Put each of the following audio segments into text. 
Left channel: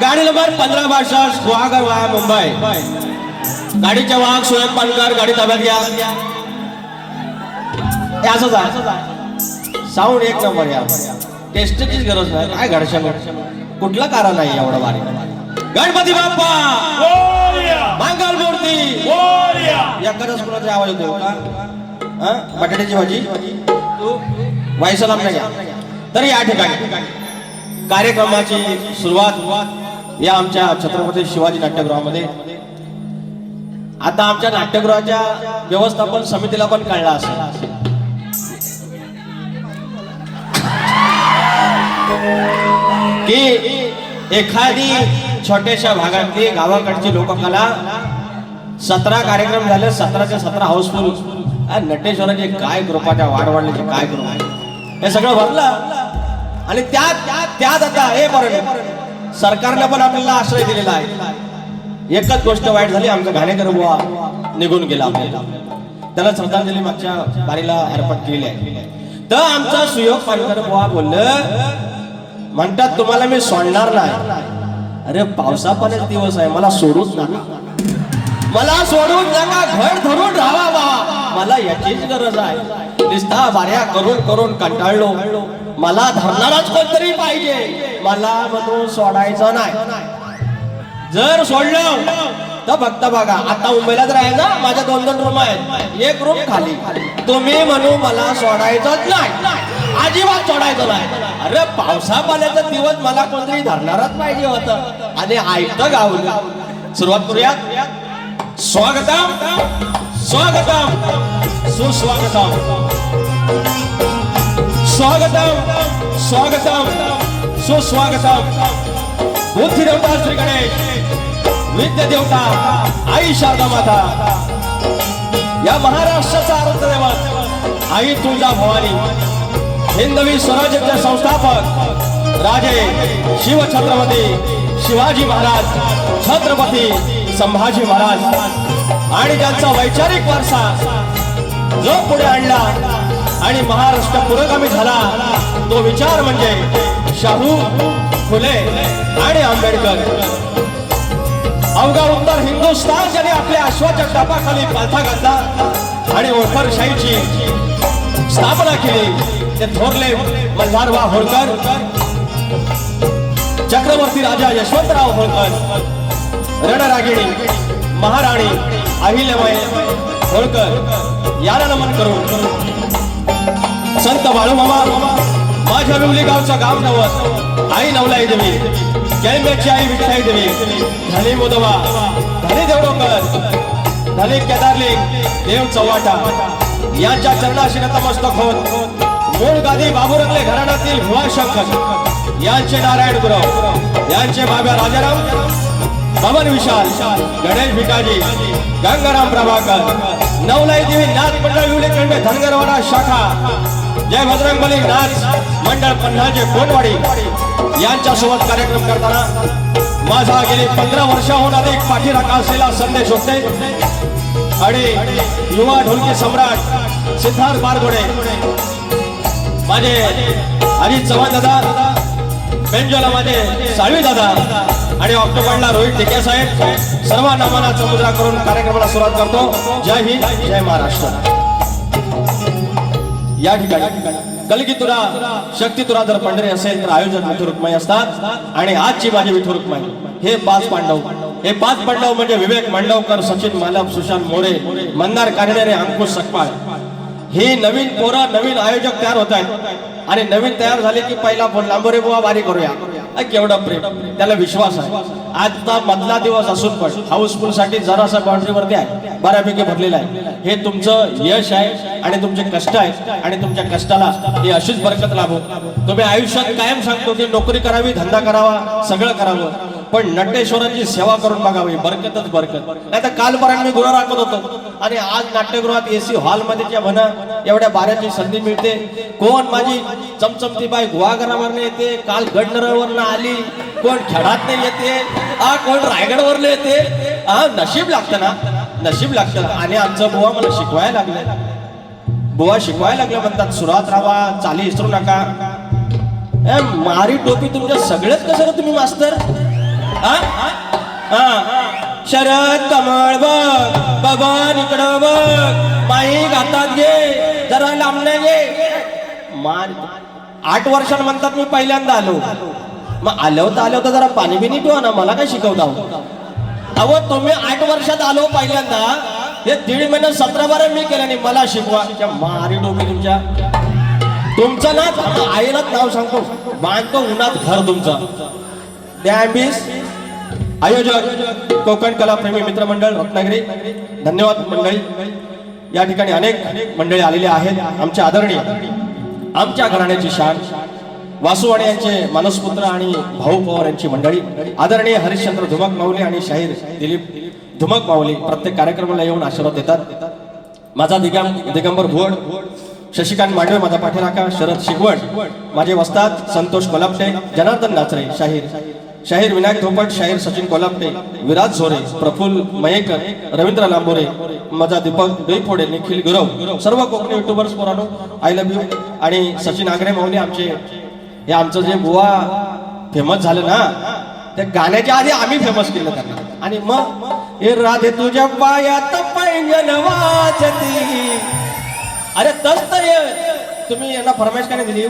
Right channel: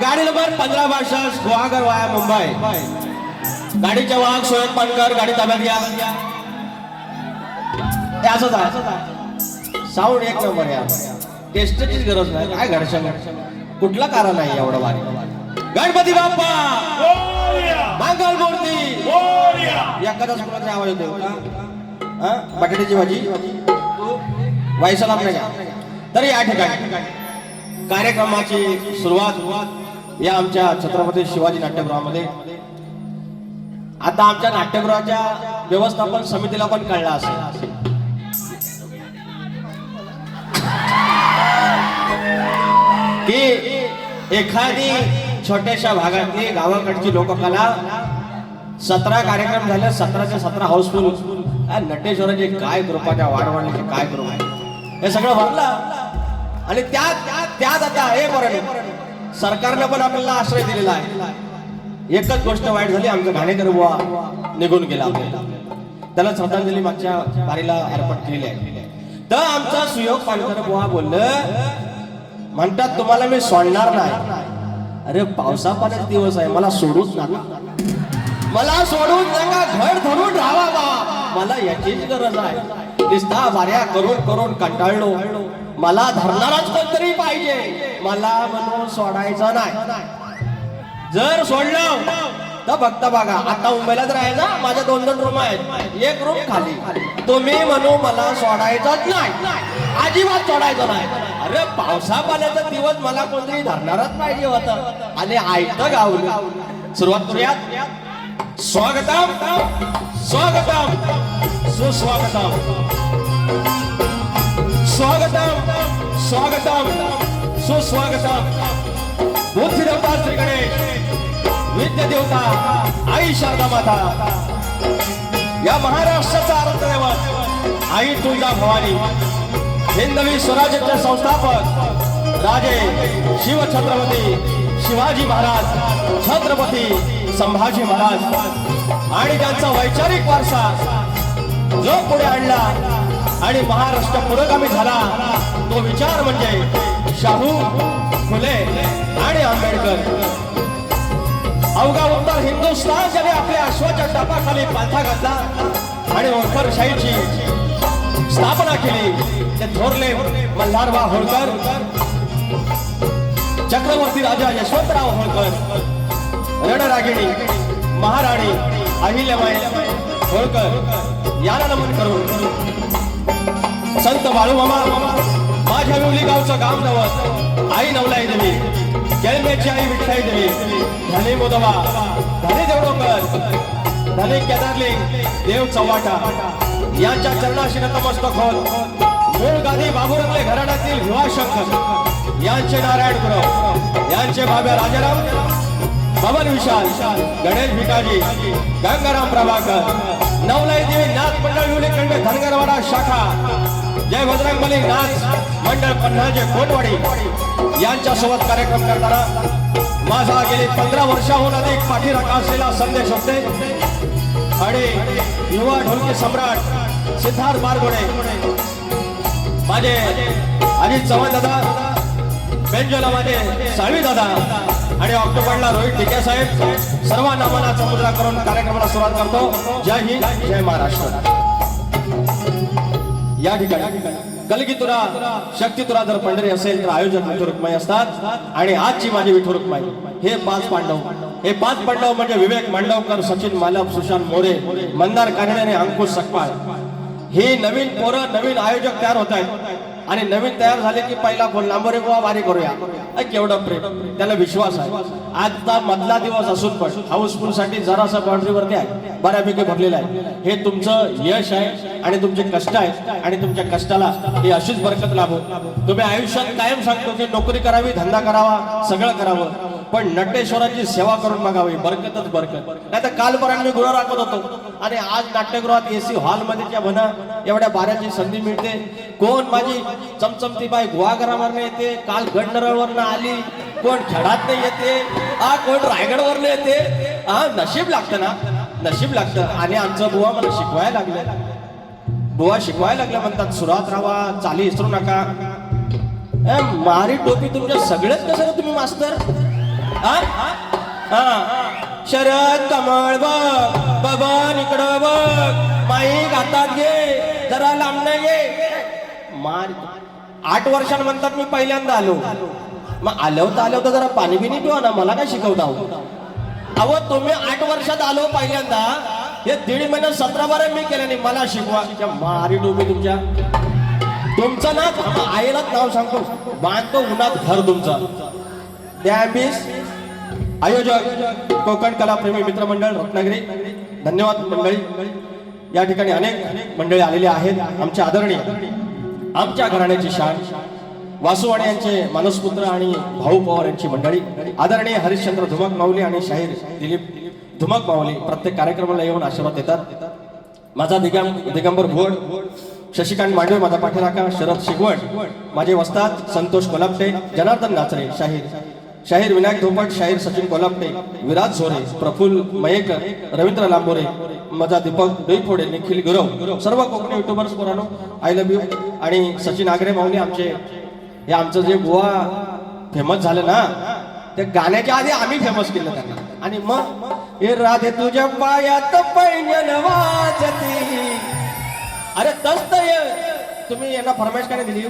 गाड़ी नंबर 15 बारशास गुहागर वाया मुंबई गाडीचे वाहक सोयम पालकर गाडी ताब्यात घ्या. असंच आहे साऊंड एक नंबर घ्या. टेस्टचीच गरज नाही. काय घडशा कुठला कारण नाही एवढा भारी. गणपती बाप्पा मंगल मूर्ती एखादा कुणाचा आवाज येतो का? बटाट्याची भाजी वाईसलाम घ्या. तर या ठिकाणी कार्यक्रमाची सुरुवात या आमच्या छत्रपती शिवाजी नाट्यगृहामध्ये. आता आमच्या नाट्यगृहाच्या व्यवस्थापन समितीला पण कळला असेल की एखादी छोट्याशा भागातली गावाकडची लोककला 17 कार्यक्रम झाले, 17च्या 17 हाऊसफुल. नटेश्वराची काय कृपा, त्या वाढवण्याची काय कृपा, हे सगळं भरलं. आणि त्यात आता हे बरोबर सरकारने पण आपल्याला आश्रय दिलेला आहे. एकच गोष्ट वाईट झाली, आमचा घाणेकर बुवा निघून गेला. त्याला श्रद्धांजली मागच्या बारीला अर्पण केली आहे. तर आमचा सुयोग पालकर बुवा बोललं, म्हणतात तुम्हाला मी सोडणार नाही. अरे पावसा पाण्याचे दिवस आहे, मला सोडूच नका, मला सोडून नका, घर धरून राहा बा. मला याचीच गरज आहे. निस्ता बाऱ्या करून करून कंटाळलो, मला धरणाराच कोणतरी पाहिजे. मला म्हणून सोडायचं नाही. जर सोडलं तर फक्त बघा, आता मुंबईला तर आहे ना, माझ्या 2 रूम आहेत, एक रूम खाली. तुम्ही म्हणू मला सोडायचंच नाही, अजिबात सोडायचं नाही. अरे पावसा पाण्याचा दिवस मला कोणतरी धरणारच पाहिजे होतं. आणि ऐकतं गावलं. सुरुवात करूयात. स्वागतम स्वागतम सुस्वागतम, स्वागतम स्वागतम सुस्वागतम. बुद्धी देवता श्री गणेश, विद्या देवता आई शारदा माता, या महाराष्ट्राचा आराध्य दैवत आई तुळजा भवानी, हिंदवी स्वराज्याचे संस्थापक राजे शिवछत्रपती शिवाजी महाराज, छत्रपती संभाजी महाराज, आणि त्यांचा वैचारिक वारसा जो पुढे आणला आणि महाराष्ट्र पुरोगामी झाला, तो विचार म्हणजे शाहू फुले आणि आंबेडकर. अवघा उत्तर हिंदुस्थान ज्याने आपल्या अश्वाच्या टापाखाली पालथा घातला आणि होळकरशाहीची स्थापना केली, ते थोरले मल्हारराव होळकर, चक्रवर्ती राजा यशवंतराव होळकर, रणरागिणी महाराणी अहिल्याबाई होळकर याला नमन करून संत बाळूमामा, माझ्या विवली गावचं गाव नवत, आई नवलाई देवी, केळमेची आई विठ्ठलाई देवी, धनी मुदवा, धनी देवडोकर, धनी केदारलिंग देव चव्हाटा यांच्या चरणाशी नतमस्तक होत मूळ गादी बाबुरंगले घराण्यातील भुवाशंकर यांचे नारायण गुरव, यांचे बाबा राजाराम, पवन विशाल, गणेश भिकाजी, गंगाराम प्रभाकर, नवलाई देवी नाथ मंडळ विवलेकडे धनगरवाडा शाखा, जय बजरंगबली नाच मंडळ पन्हाजे कोटवाडी यांच्या सोबत कार्यक्रम करताना माझा गेली 15 वर्षाहून अधिक पाठीराखा असलेला संदेश होते. आणि युवा ढोलकी सम्राट सिद्धार्थ बारगुडे, माझे अजित चव्हाण दादा, बेंजोलामध्ये साळवी दादा आणि ऑक्टोबरला रोहित टिके साहेब, सर्वांना मनाचा मुद्रा करून कार्यक्रमाला सुरुवात करतो. जय हिंद, जय महाराष्ट्र. या ठिकाणी कलगी तुला शक्ती तुला जर पंढरी असेल तर आयोजक विठू रुक्माई असतात आणि आजची माझी विठू रुक्माई हे 5 पांडव म्हणजे विवेक मांडवकर, सचिन मालप, सुशांत मोरे, मंदार कानेडे आणि अंकुश सकपाळ. हे नवीन पोरं नवीन आयोजक तयार होत आहेत आणि नवीन तयार झाले की पहिला फोन लांबोरे बुवा वारी करूया. केवढा प्रेम, त्याला विश्वास आहे. आजचा मधला दिवस असून पण हाऊसफुल साठी जरासा बाउंड्रीवरती आहे, बऱ्यापैकी भरलेला आहे. हे तुमचं यश आहे आणि तुमचे कष्ट आहेत आणि तुमच्या कष्टाला ही अशीच बरकत लाभो. तुम्ही आयुष्यात कायम सांगतो की नोकरी करावी, धंदा करावा, सगळं करावं, पण नटेश्वराची सेवा करून बघावी, बरकतच बरकत. नाही तर कालपर्यंत मी गुन्हा राखत होतो आणि आज नाट्यगृहात एसी हॉलमध्ये ज्या म्हणा एवढ्या बाऱ्याची संधी मिळते. कोण माझी चमचमती बाई गुहागरावरनं येते, काल गडनरवरनं आली, कोण खेळात नाही येते, कोण रायगडवरनं येते. नशीब लागतं ना, नशीब लागतं. आणि आमचा बुवा मला शिकवायला लागलं म्हणतात सुरात राहा, चाली विसरू नका. मारी टोपी तुमच्या सगळेच कसं तुम्ही मास्तर. शरद कमळ बघ, बबन इकडं बघ, माई हातात घे, जरा लांबणे घे. मार 8 वर्षांनी म्हणतात मी पहिल्यांदा आलो. मग आलो तर जरा पाणी बिनी पिवा ना, मला काय शिकवता. अहो तुम्ही 8 वर्षात आलो पहिल्यांदा, हे 1.5 महिने 17-12 मी केलं नाही, मला शिकवा. मारी डोबी तुमचं ना आईलाच नाव सांगतो, बांधतो उन्हात घर तुमचं. आयोजक कोकण कला प्रेमी मित्रमंडळ रत्नागिरी, धन्यवाद मंडळी. या ठिकाणी अनेक मंडळी आलेले आहेत. आमचे आदरणीय, आमच्या घराण्याची शान वासुवाणे यांचे मानसपुत्र आणि भाऊ पवार यांची मंडळी, आदरणीय हरिश्चंद्र धुमक माऊली आणि शाहीर दिलीप धुमक माऊली प्रत्येक कार्यक्रमाला येऊन आशीर्वाद देतात. माझा दिगंबर भोड, शशिकांत मांडवे माझा पाठीराखा, शरद शिगवण माझे वस्ताद, संतोष कोल्हापटे, जनार्दन नाचरे शाहीर विनायक धोपट, शाहीर सचिन कोल्हापटे, विराज झोरे, प्रफुल्ल मयेकर, रवींद्र लांबोरे, माझा दीपक डोईफोडे, निखिल गुरव, सर्व कोकणी युट्यूबर्स पोरांनो आय लव्ह यू. आणि सचिन आग्रे माऊली हे आमचं जे बुवा फेमस झालं ना, त्या गाण्याच्या आधी आम्ही फेमस केलं त्यांना. आणि मग हे राधे तुझ्या पायात पैंजण वाजती. अरे तस तुम्ही यांना फरमाईश काय दिली.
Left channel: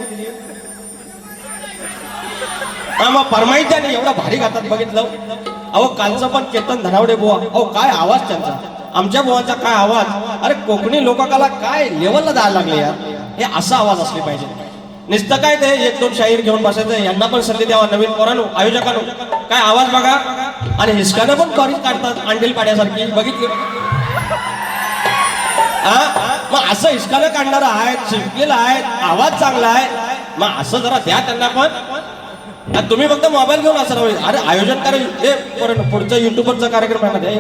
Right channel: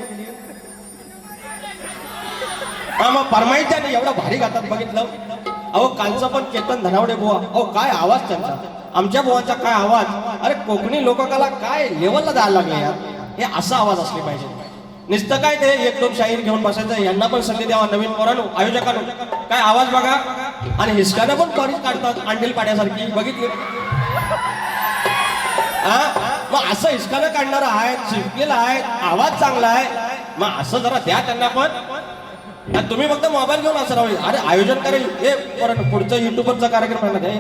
मग फरमाईश नाही, एवढा भारी गातात बघितलं. अहो कालचं पण केतन धनावडे बुवा, अहो काय आवाज त्यांचा, आमच्या बुवाचा काय आवाज. अरे कोकणी लोककला काय लेवलला जायला लागले यार. हे असा आवाज असले पाहिजे. नुसतं काय ते 1-2 शाहीर घेऊन बसायचं. यांना पण संधी द्यावा नवीन पोरांनो, आयोजकांनो. काय आवाज बघा. आणि हिसकानं पण बारीक काढतात अंडील पाड्यासारखी, बघितली. मग असं हिसकानं काढणारा आहे, शिकलेला आहे, आवाज चांगला आहे, मग असं जरा द्या त्यांना पण. तुम्ही फक्त मोबाईल घेऊन असं राहू. अरे आयोजन करेल हे पुढचा युट्यूबरचा कार्यक्रम आहे,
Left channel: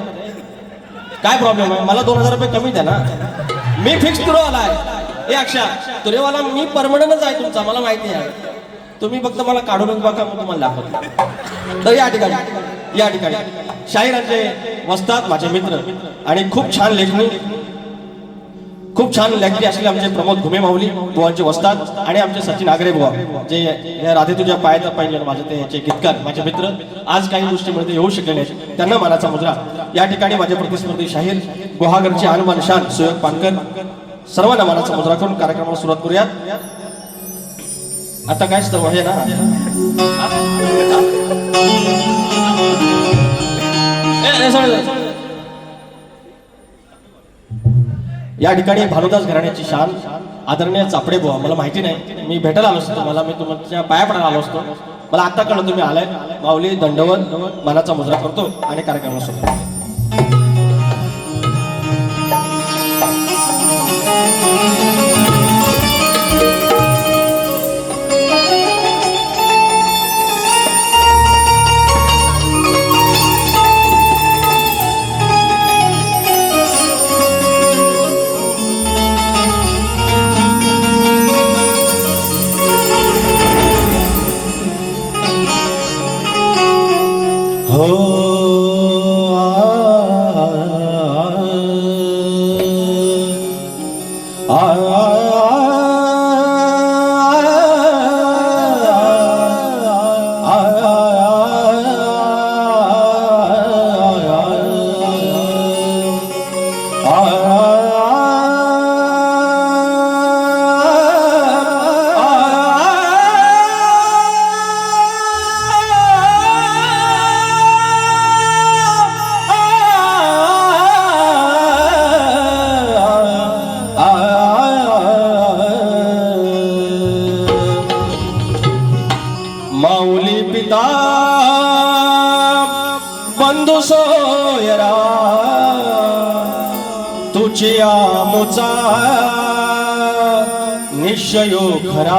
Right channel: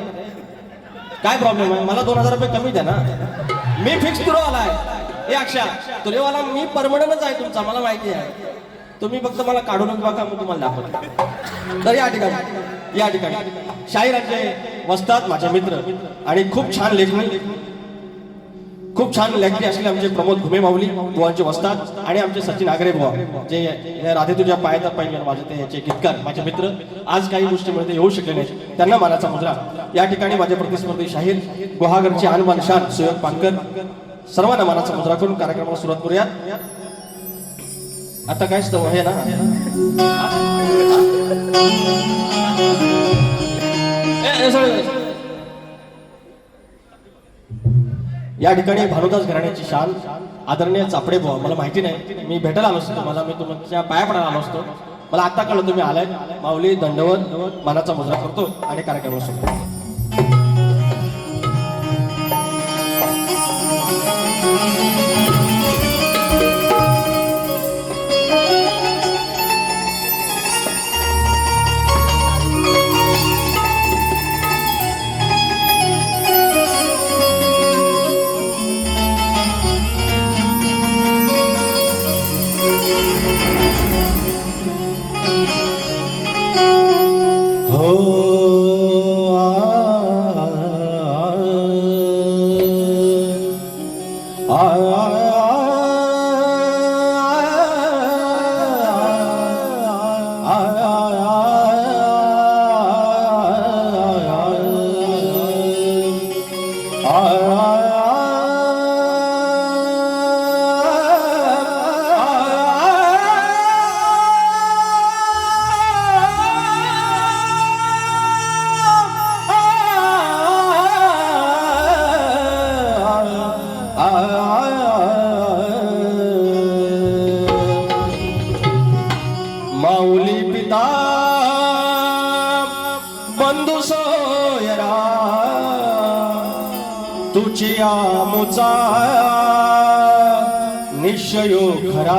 काय प्रॉब्लेम आहे. मला 2000 रुपये कमी द्या ना, मी फिक्स तुरेवाला आहे. हे अक्षा तुरेवाला मी परमनंटच आहे तुमचा, मला माहिती आहे. तुम्ही फक्त मला काढून बघा, मग तुम्हाला दाखवतो. तर या ठिकाणी शाहीरांचे वस्ताद माझे मित्र आणि खूप छान लेखणी असलेले आमचे प्रमोद घुमे माऊली बुवांचे वस्ताद आणि आमचे सचिन आग्रे बुवा, जे या राधे तुझ्या पायात पाहिजे माझे ते याचे गीतकार माझे मित्र आज काही गोष्टीमध्ये येऊ शकले नाही, त्यांना मानाचा मुजरा. या ठिकाणी माझे प्रतिस्पर्धी शाहीर गुहागरचे हनुमान शान सुयोग पानकर, सर्वांना मानाचा मुजरा करून कार्यक्रमाला सुरुवात करूया. आता काय असतं हे ना, या ठिकाणी भानुदास घराण्याची शान आदरणीय चापडे बुवा, मला माहिती नाही, मी भेटायला आलो असतो, मला मी तुमच्या पाया पडायला आलो असतो. मला आता कळलं तुम्ही आलाय. माऊली दंडवत मानाचा मुजरा करतो आणि कार्यक्रमाला सुरुवात. आमचा निश्चयो खरा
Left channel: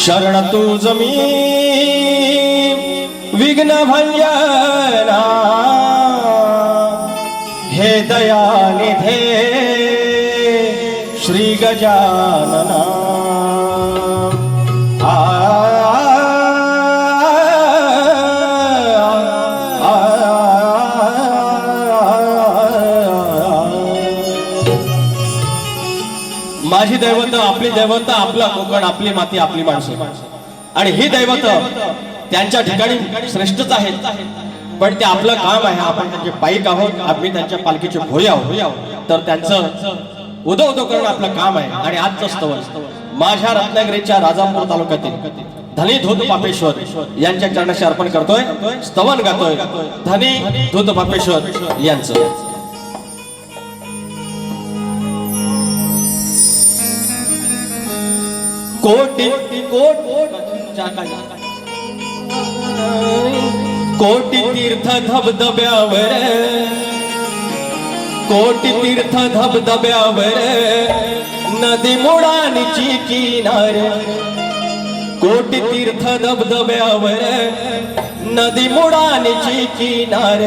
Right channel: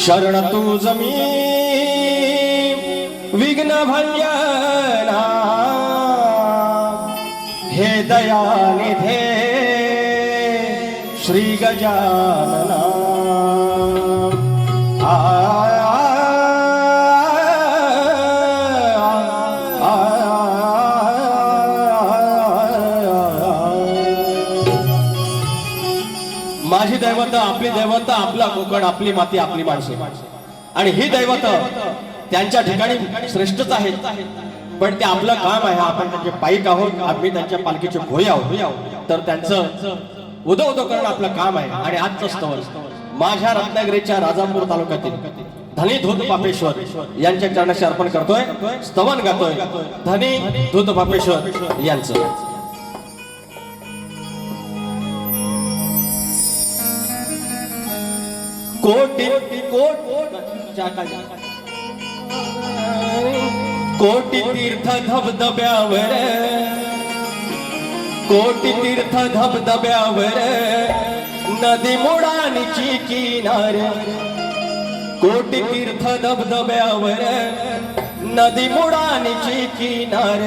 शरण तू जमीन विघ्न भंजना हे दयानिधे श्री गजानना माझी दैवत आपली दैवत आपला कोकण आपली माती आपली माणसे आणि ही दैवत त्यांच्या ठिकाणी श्रेष्ठच आहेत पण ते आपलं काम आहे आपण त्यांचे पाईक आहोत आम्ही त्यांच्या पालखीचे भोई आहोत तर त्यांचं उदो उदो करणं आपलं काम आहे आणि आजचं स्तवन माझ्या रत्नागिरीच्या राजापूर तालुक्यातील धनी धूत पापेश्वर यांच्या चरणाशी अर्पण करतोय स्तवन गातोय धनी धूत पापेश्वर यांचं कोटी कोटी तीर्थ धबधब्यावर कोटी तीर्थ धबधब्यावर नदी मुळांची किनार कोटी तीर्थ धबधब्यावर नदी मुळांची किनार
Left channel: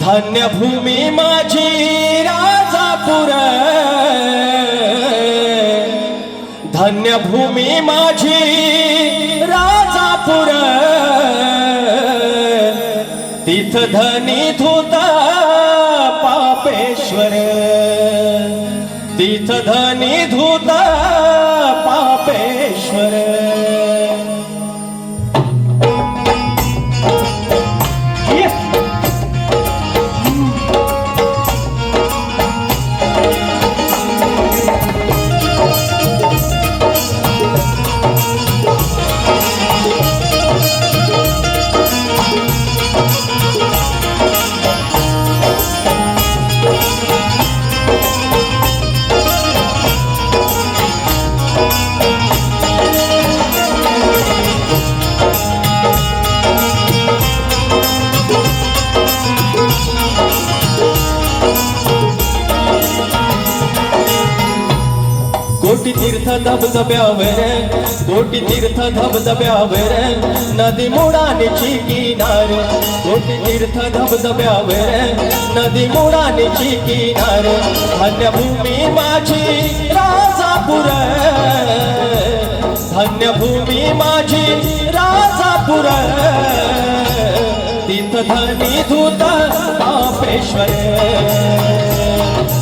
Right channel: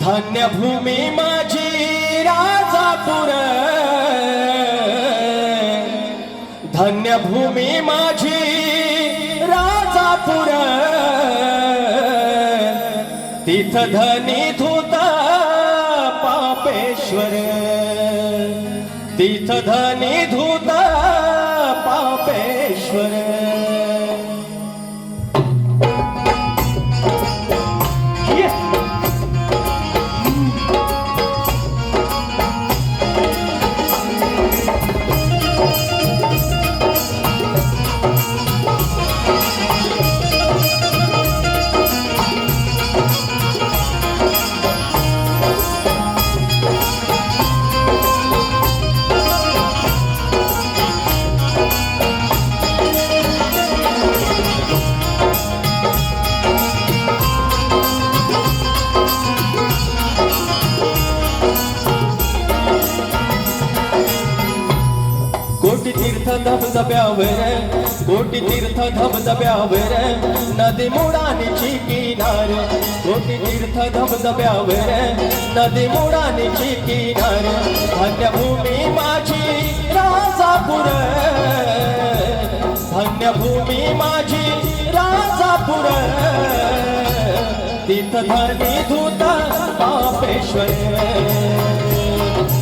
धन्य भूमी माझी राजापूर धन्य भूमी माझी राजापूर तीर्थ धनी धूत पापेश्वर तीर्थ धनी धूत पापेश्वर कोटी तीर्थ धबधब्यावर कोटी तीर्थ धबधब्यावर नदी मुळांची किनार कोटी तीर्थ धबधब्यावर नदी मुळांची किनार धन्य भूमी माझी राजापूर धन्य भूमी माझी राजापूर तीर्थ धनी धूत पापेश्वर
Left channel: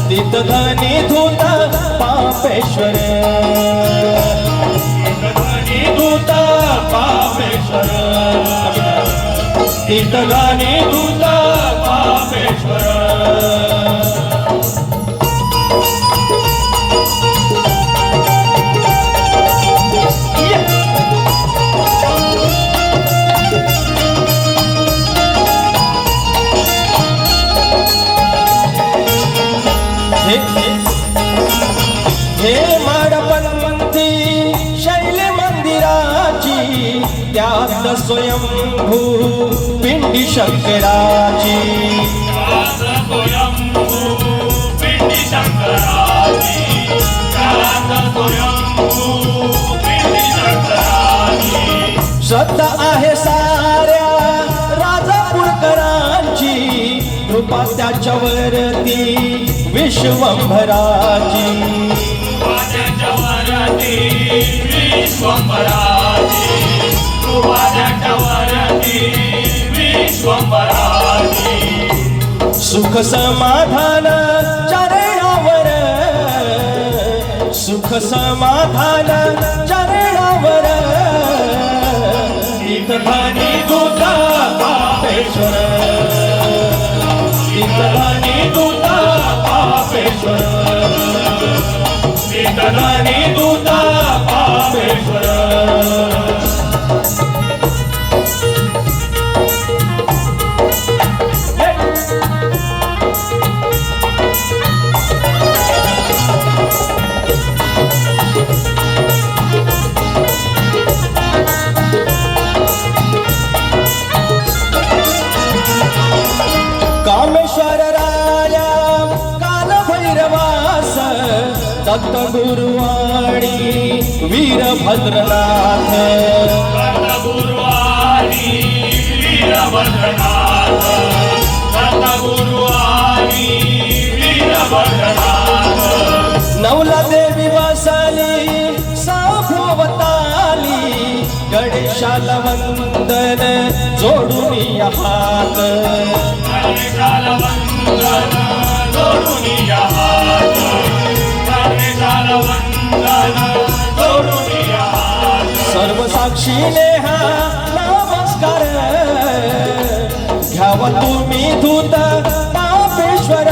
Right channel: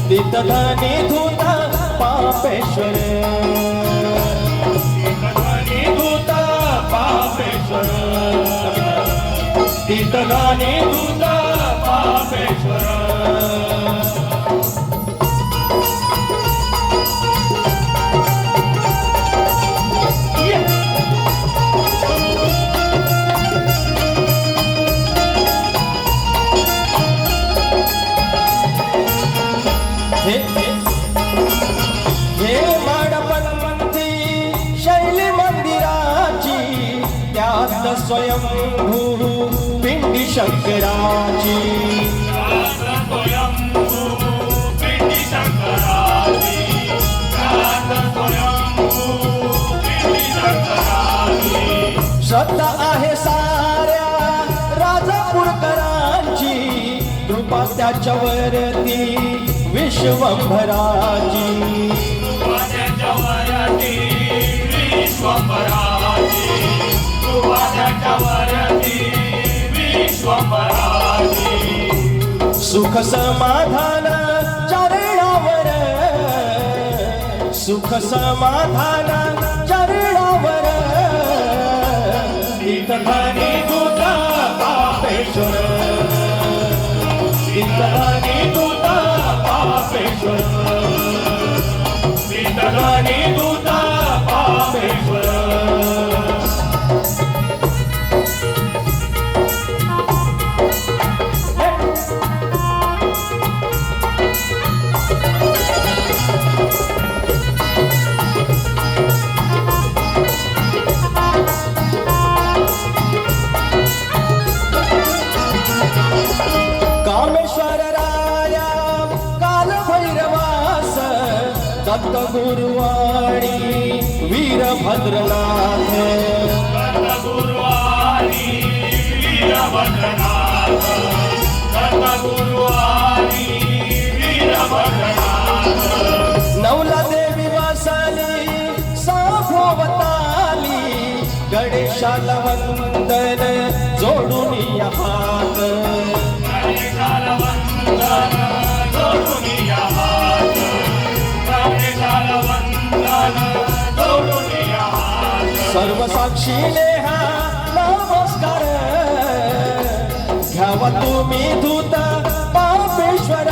तीर्थ धनी धूत पापेश्वर धूत पापेश्वर तीर्थगानी धूत पापेश्वर हे माडपंथी शैली मंदिराची त्यात स्वयंभू पिंडी शंकराची श्रद्धा आहे साऱ्या राजापूरकरांची कृपा त्याच्यावरती विश्वंभराची सुख समाधान चरणावर सुख समाधान चरणावर तीर्थधानी दूत पापेश्वर तीर्थधानी दूत पापेश्वर तीर्थधानी दूत पापेश्वर कामेश्वर राया काल भैरव दत्तगुरुवाणी वीरभद्रनाथ दत्तगुरुवाणी वीरभद्रनाथ दत्तगुरुवाणी वीरभद्रनाथ नवला देवी वासाली साभोवताली गणेशाला वंदन जोडून या हात गणेशाला वंदन जोडून या हात गणेशाला वंदन जोडून या हात सर्व साक्षीने हा नमस्कार घ्यावा तुम्ही धूत पापेश्वर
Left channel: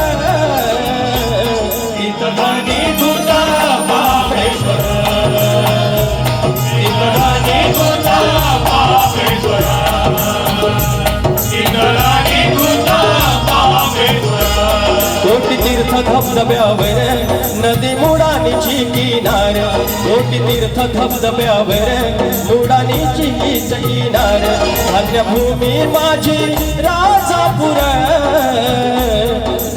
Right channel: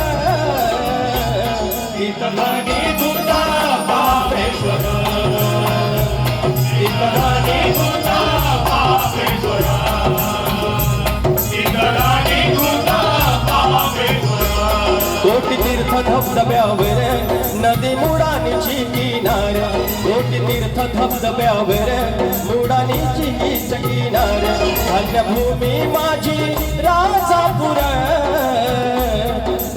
इतरांनी तुझा पापेश्वर इतरांनी तुझा पापेश्वर इतरांनी तुझा पापेश्वर कोटी तीर्थ धबधब्यावर नदी मुडानीची किनार कोटी तीर्थ धबधब्यावर मुडानीची किनार धन्यभूमी माझी राजापूर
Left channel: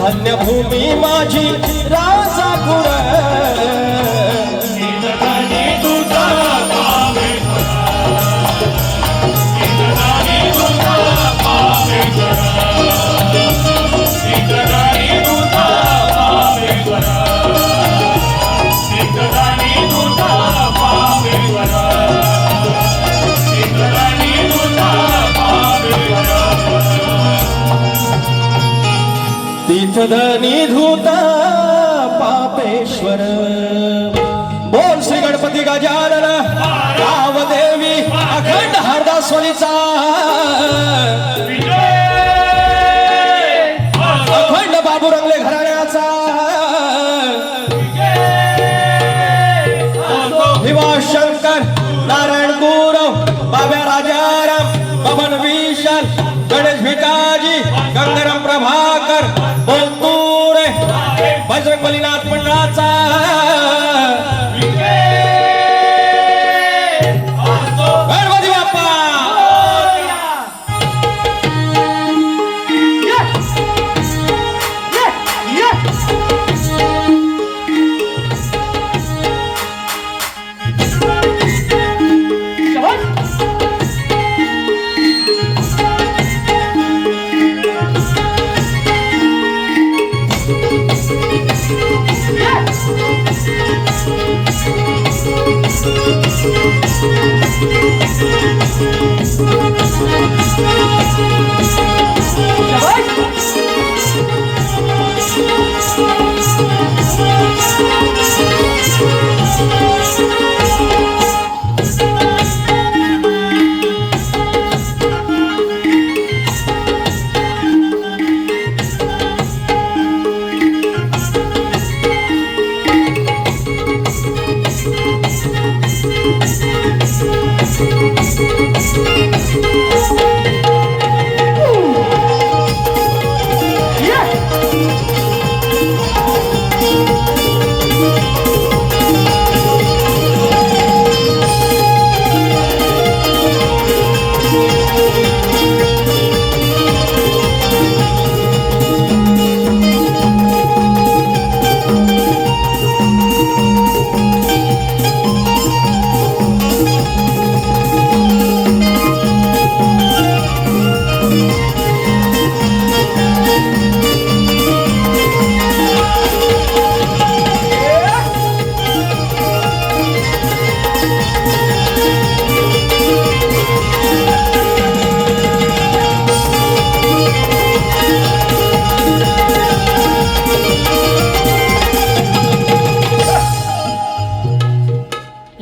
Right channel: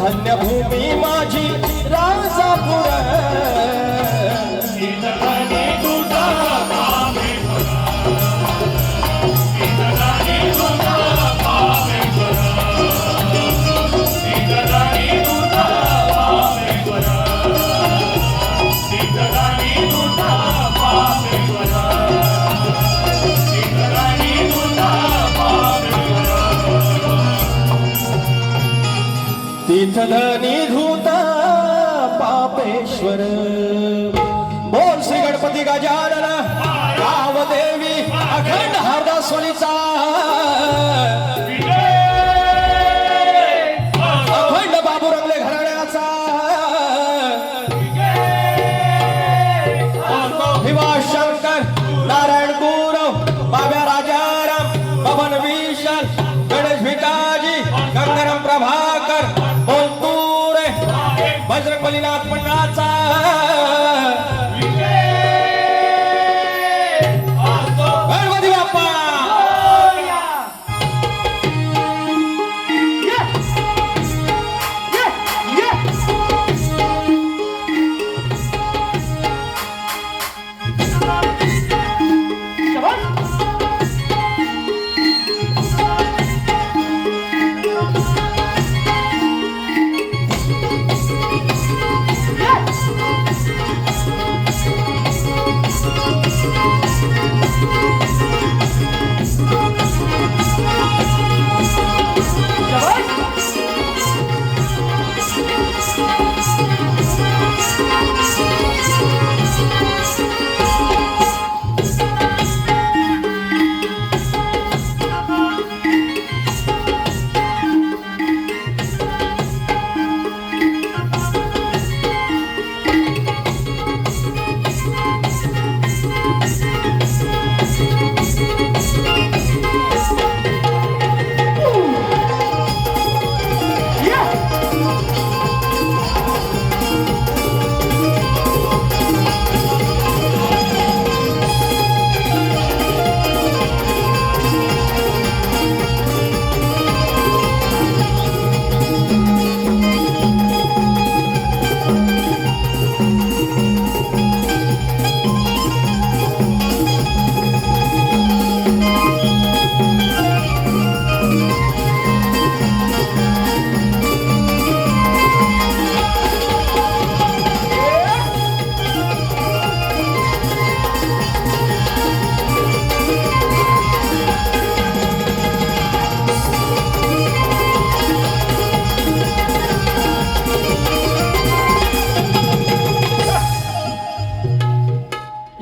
धन्यभूमी माझी राजापूर इतरांनी तुझा पापेश्वर इतरांनी तुझा पापेश्वर इतरांनी तुझा पापेश्वर इतरांनी तुझा पापेश्वर इतरांनी तुझा पापेश्वर तीर्थधनी धूत पापेश्वर बोल श्री गणपती गजानन देवी अखंड हरदासवाडीचा अखंड बाबू रंगले घराण्याचा भिवा शंकर नारायण गुरव बाब्या राजाराम पवन विशाल गणेश भिकाजी गंगाराम प्रभाकर बोलतुरे बजरंग बलीनाथ मंडळाचा गणपती बाप्पा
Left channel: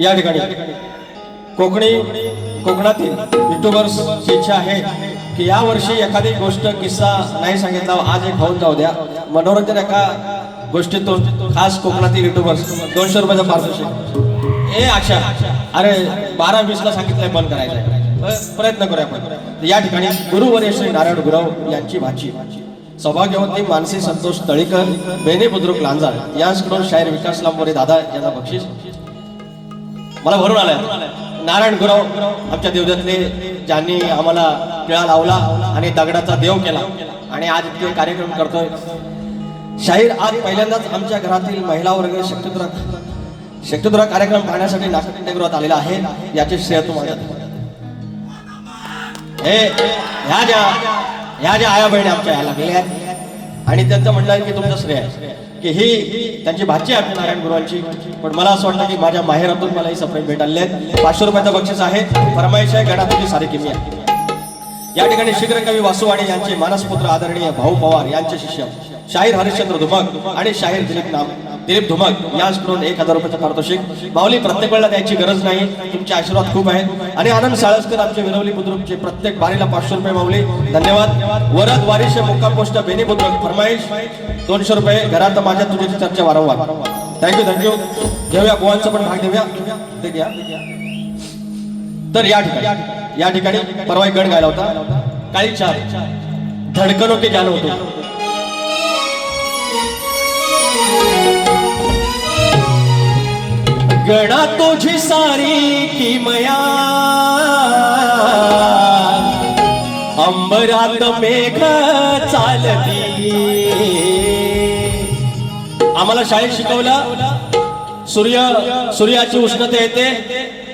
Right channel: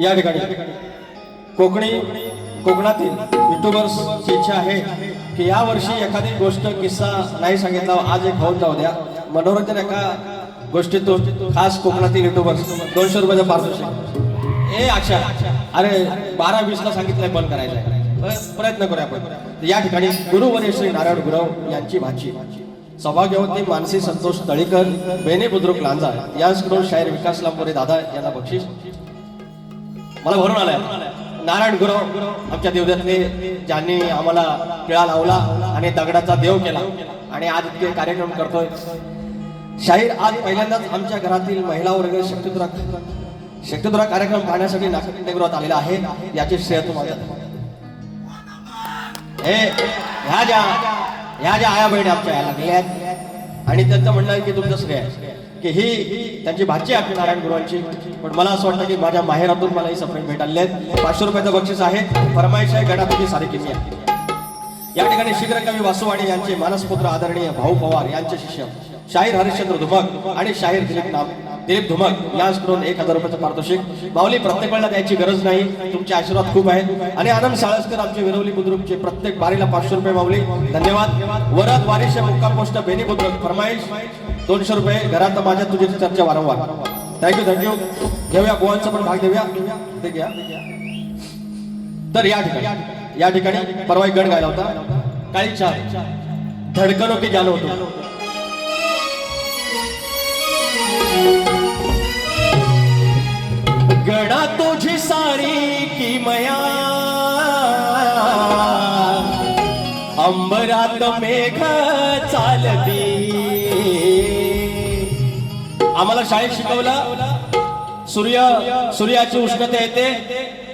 या ठिकाणी कोकणातील युट्यूबर्सची इच्छा आहे की या वर्षी एखादी गोष्ट किस्सा नाही सांगितला आज एक होऊन जाऊ द्या मनोरंजन एका गोष्टीतून खास कोकणातील युट्यूबर्स 200 रुपयाचं पारितोषिक ए अक्षा अरे 12-20 ला सांगितलंय बंद करायचं प्रयत्न करूया आपण या ठिकाणी गुरुवर्य श्री नारायण गुरव यांची भाची सौभाग्यवती मानसी संतोष तळीकर बेने बुद्रुक लांजा यांच्याकडून शाहीर विकास लांबोरे दादा यांना बक्षीस मला भरून आलाय नारायण गुरव आमच्या देवदत्तले ज्यांनी आम्हाला टिळा लावला आणि दगडाचा देव केला आणि आज इतके कार्यक्रम करतोय शाहीर आज पहिल्यांदाच आमच्या घरातील महिला वर्ग शक्तिद्रा कार्यक्रम पाहण्यासाठी नाट्यगृहात आलेला आहे. याचे श्रेय तुम्हाला. ह्या ज्या आया बहिणी आमच्या याला गेल्या आहेत आणि त्यांचं म्हणणं आहे की तुमचं श्रेय आहे की ही त्यांची भाची आहे नारायण गुरुवांची. पण मला असं वाटतं की माझ्या माहेरातून मला ही सप्रेम भेट आले आहेत. 500 रुपयाचं बक्षीस आहे. फरमाईश आहे गणापती सारी किमी आहे. या ठिकाणी शीघ्र कवी वासुवाणी यांचे मानसपुत्र आदरणीय भाऊ पवार यांचे शिष्य शाहीर हरिश्चंद्र धुमक आणि शाहीर दिलीप धुमक याकडून 1000 रुपयाचं पारितोषिक. माऊली प्रत्येक वेळेला द्यायची गरज नाही. तुमचे आशीर्वाद खूप आहेत. आणि आनंद साळसकर आमचे विरवली बुद्रुकचे प्रत्येक बारीला 500 रुपये माऊली धन्यवाद. वरद वारिश मुक्काम पोस्ट बेनी बुद्रुक फरमाईश 200 रुपये. घरात माझ्या तुझ्याची चर्चा वारंवार. थँक्यू. घेऊया गोवांचा पण भाग देऊया. ते घ्या. तर या ठिकाणी परवा एक गड गायला होता. काही चार धडकनो के जानो होतो. गणा तुझी सारी किमया अंबरात मेघ चालती. आम्हाला शाळेत शिकवलं सूर्याची उष्णता येते.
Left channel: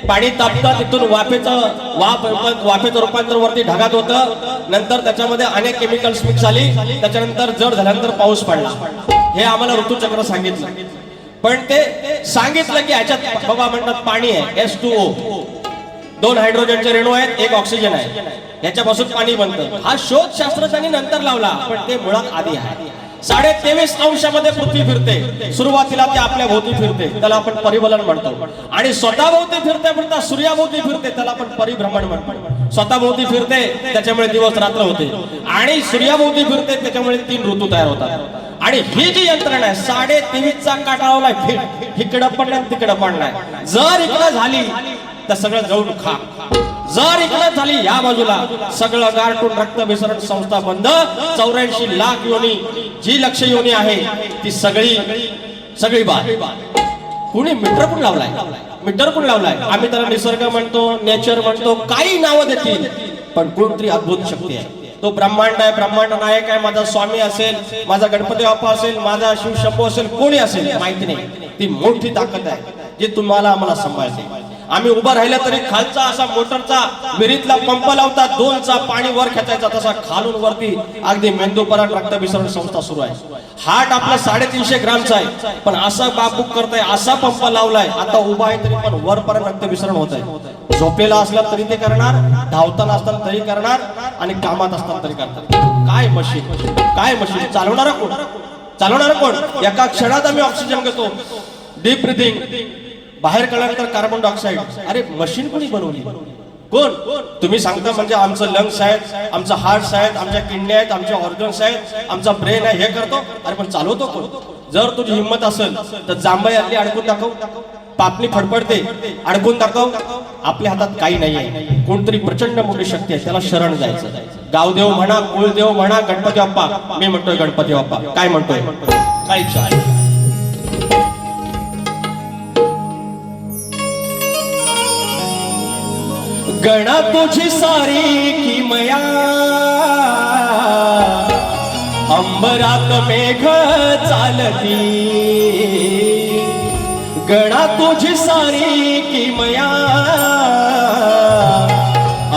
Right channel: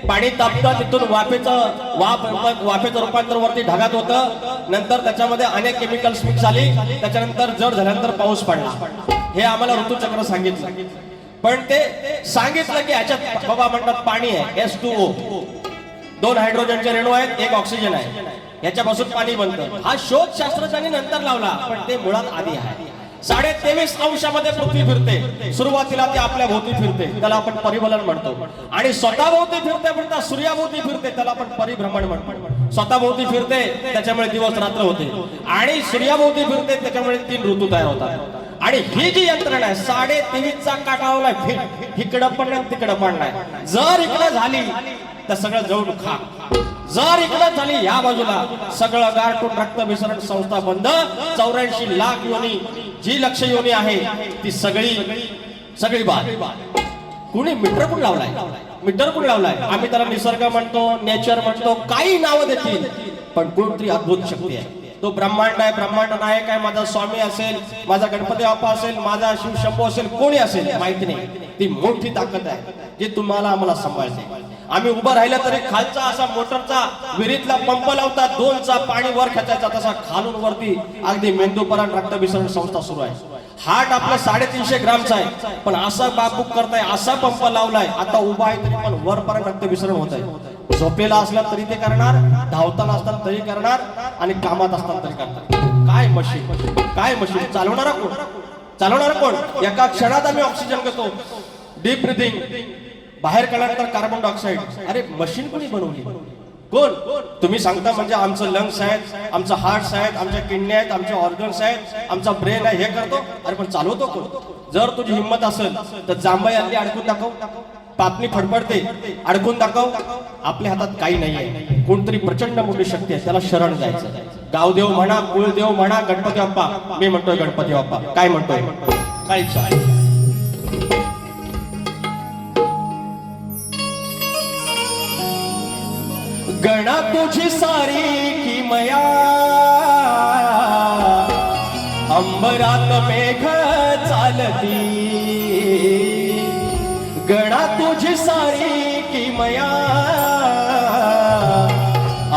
पाणी तापतं तिथून वाफेचं रूपांतर वरती ढगात होतं. नंतर त्याच्यामध्ये अनेक केमिकल्स मिक्स झाली. त्याच्यानंतर जड झाल्यानंतर पाऊस पडला. हे आम्हाला ऋतुचक्र सांगितलं. पण ते सांगितलं की ह्याच्यात बाबा म्हणतात पाणी आहे H2O. 2 हायड्रोजनचे रेणू आहेत, 1 ऑक्सिजन आहे. ह्याच्यापासून पाणी बनतं. हा शोध शास्त्रज्ञांनी नंतर लावला पण ते मुळात आधी आहे. 23.5 अंशामध्ये पृथ्वी फिरते. सुरुवातीला ते आपल्या भोवती फिरते, त्याला आपण परिभ्रमण म्हणतो. आणि स्वतः भोवती फिरता सूर्याभोवती फिरते, त्याला आपण परिभ्रमण म्हणतो. स्वतः भोवती फिरते त्याच्यामुळे दिवस रात्र होते. आणि सूर्याभोवती फिरते त्याच्यामुळे 3 ऋतू तयार होतात. आणि ही जी यंत्रणा आहे 23.5चा काटावला इकडं पडलाय तिकडं पडलाय. जर इकडं झाली तर सगळं जाऊन खा. जर इकडं झाली या बाजूला सगळं गारटून रक्त मिश्रण संस्था बंद. 84 लाख योनी जी लक्ष योनी आहे ती सगळी बाद. कुणी मीटर कोण लावलाय? आम्ही त्याला निसर्ग म्हणतो, नेचर म्हणतो, काही नावं देतील. पण कोणतरी अद्भुत शक्ती आहे. तो ब्रह्मांड आहे, ब्रह्मांड नायक आहे. माझा स्वामी असेल, माझा गणपती बाप्पा असेल, माझा शिव शंभू असेल, कोणी असेल माहिती नाही. ती मोठी ताकद आहे जी तुम्हाला आम्हाला सांभाळते. आम्ही उभं राहिलं तरी खालचा असा मोटरचा विहिरीतला पंप लावतात 2चा पाणी वर खेचायचा तसा खालून वरती अगदी मेंदूपर्यंत रक्त विसरण संस्था सुरू आहे. हार्ट आपलं 350 ग्रामचा आहे पण असं बाबूक करताय, असा पंप लावलाय. आता उभा आहे तरी पण वरपर्यंत रक्त विसरण होत आहे. झोपेला असला तरी ते करणार, धावताना असताना तरी करणार आणि कामात असताना तरी करणार. काय मशीन चालवणार कोण? एका क्षणात आम्ही ऑक्सिजन घेतो. डीप ब्रीथिंग, बाहेर काढल्यानंतर कार्बन डायऑक्साईड. अरे मशीन कोणी बनवली? कोण? तुम्ही सांगता म्हणजे आमचं लंग्स आहेत, आमचं हार्ट्स आहेत, आमच्या किडन्या आहेत, आमचे ऑर्गन्स आहेत, आमचा ब्रेन आहे, हे करतो. अरे पण चालवतो कोण? जर तुझी हिंमत असेल तर जांभई आपली अडकून दाखव. पापणी फडफडते, अडकून दाखव. आपल्या हातात काही नाहीये. कोणतरी प्रचंड मोठी शक्ती आहे, त्याला शरण जायचं. गावदेव म्हणा, कुळदेव म्हणा, गणपती बाप्पा. मी म्हणतोय गणपती बाप्पा. काय म्हणतोय? काय इच्छा? गणा तुझी सारी किमया अंबरात मेघ चालती. गणा तुझी सारी किमया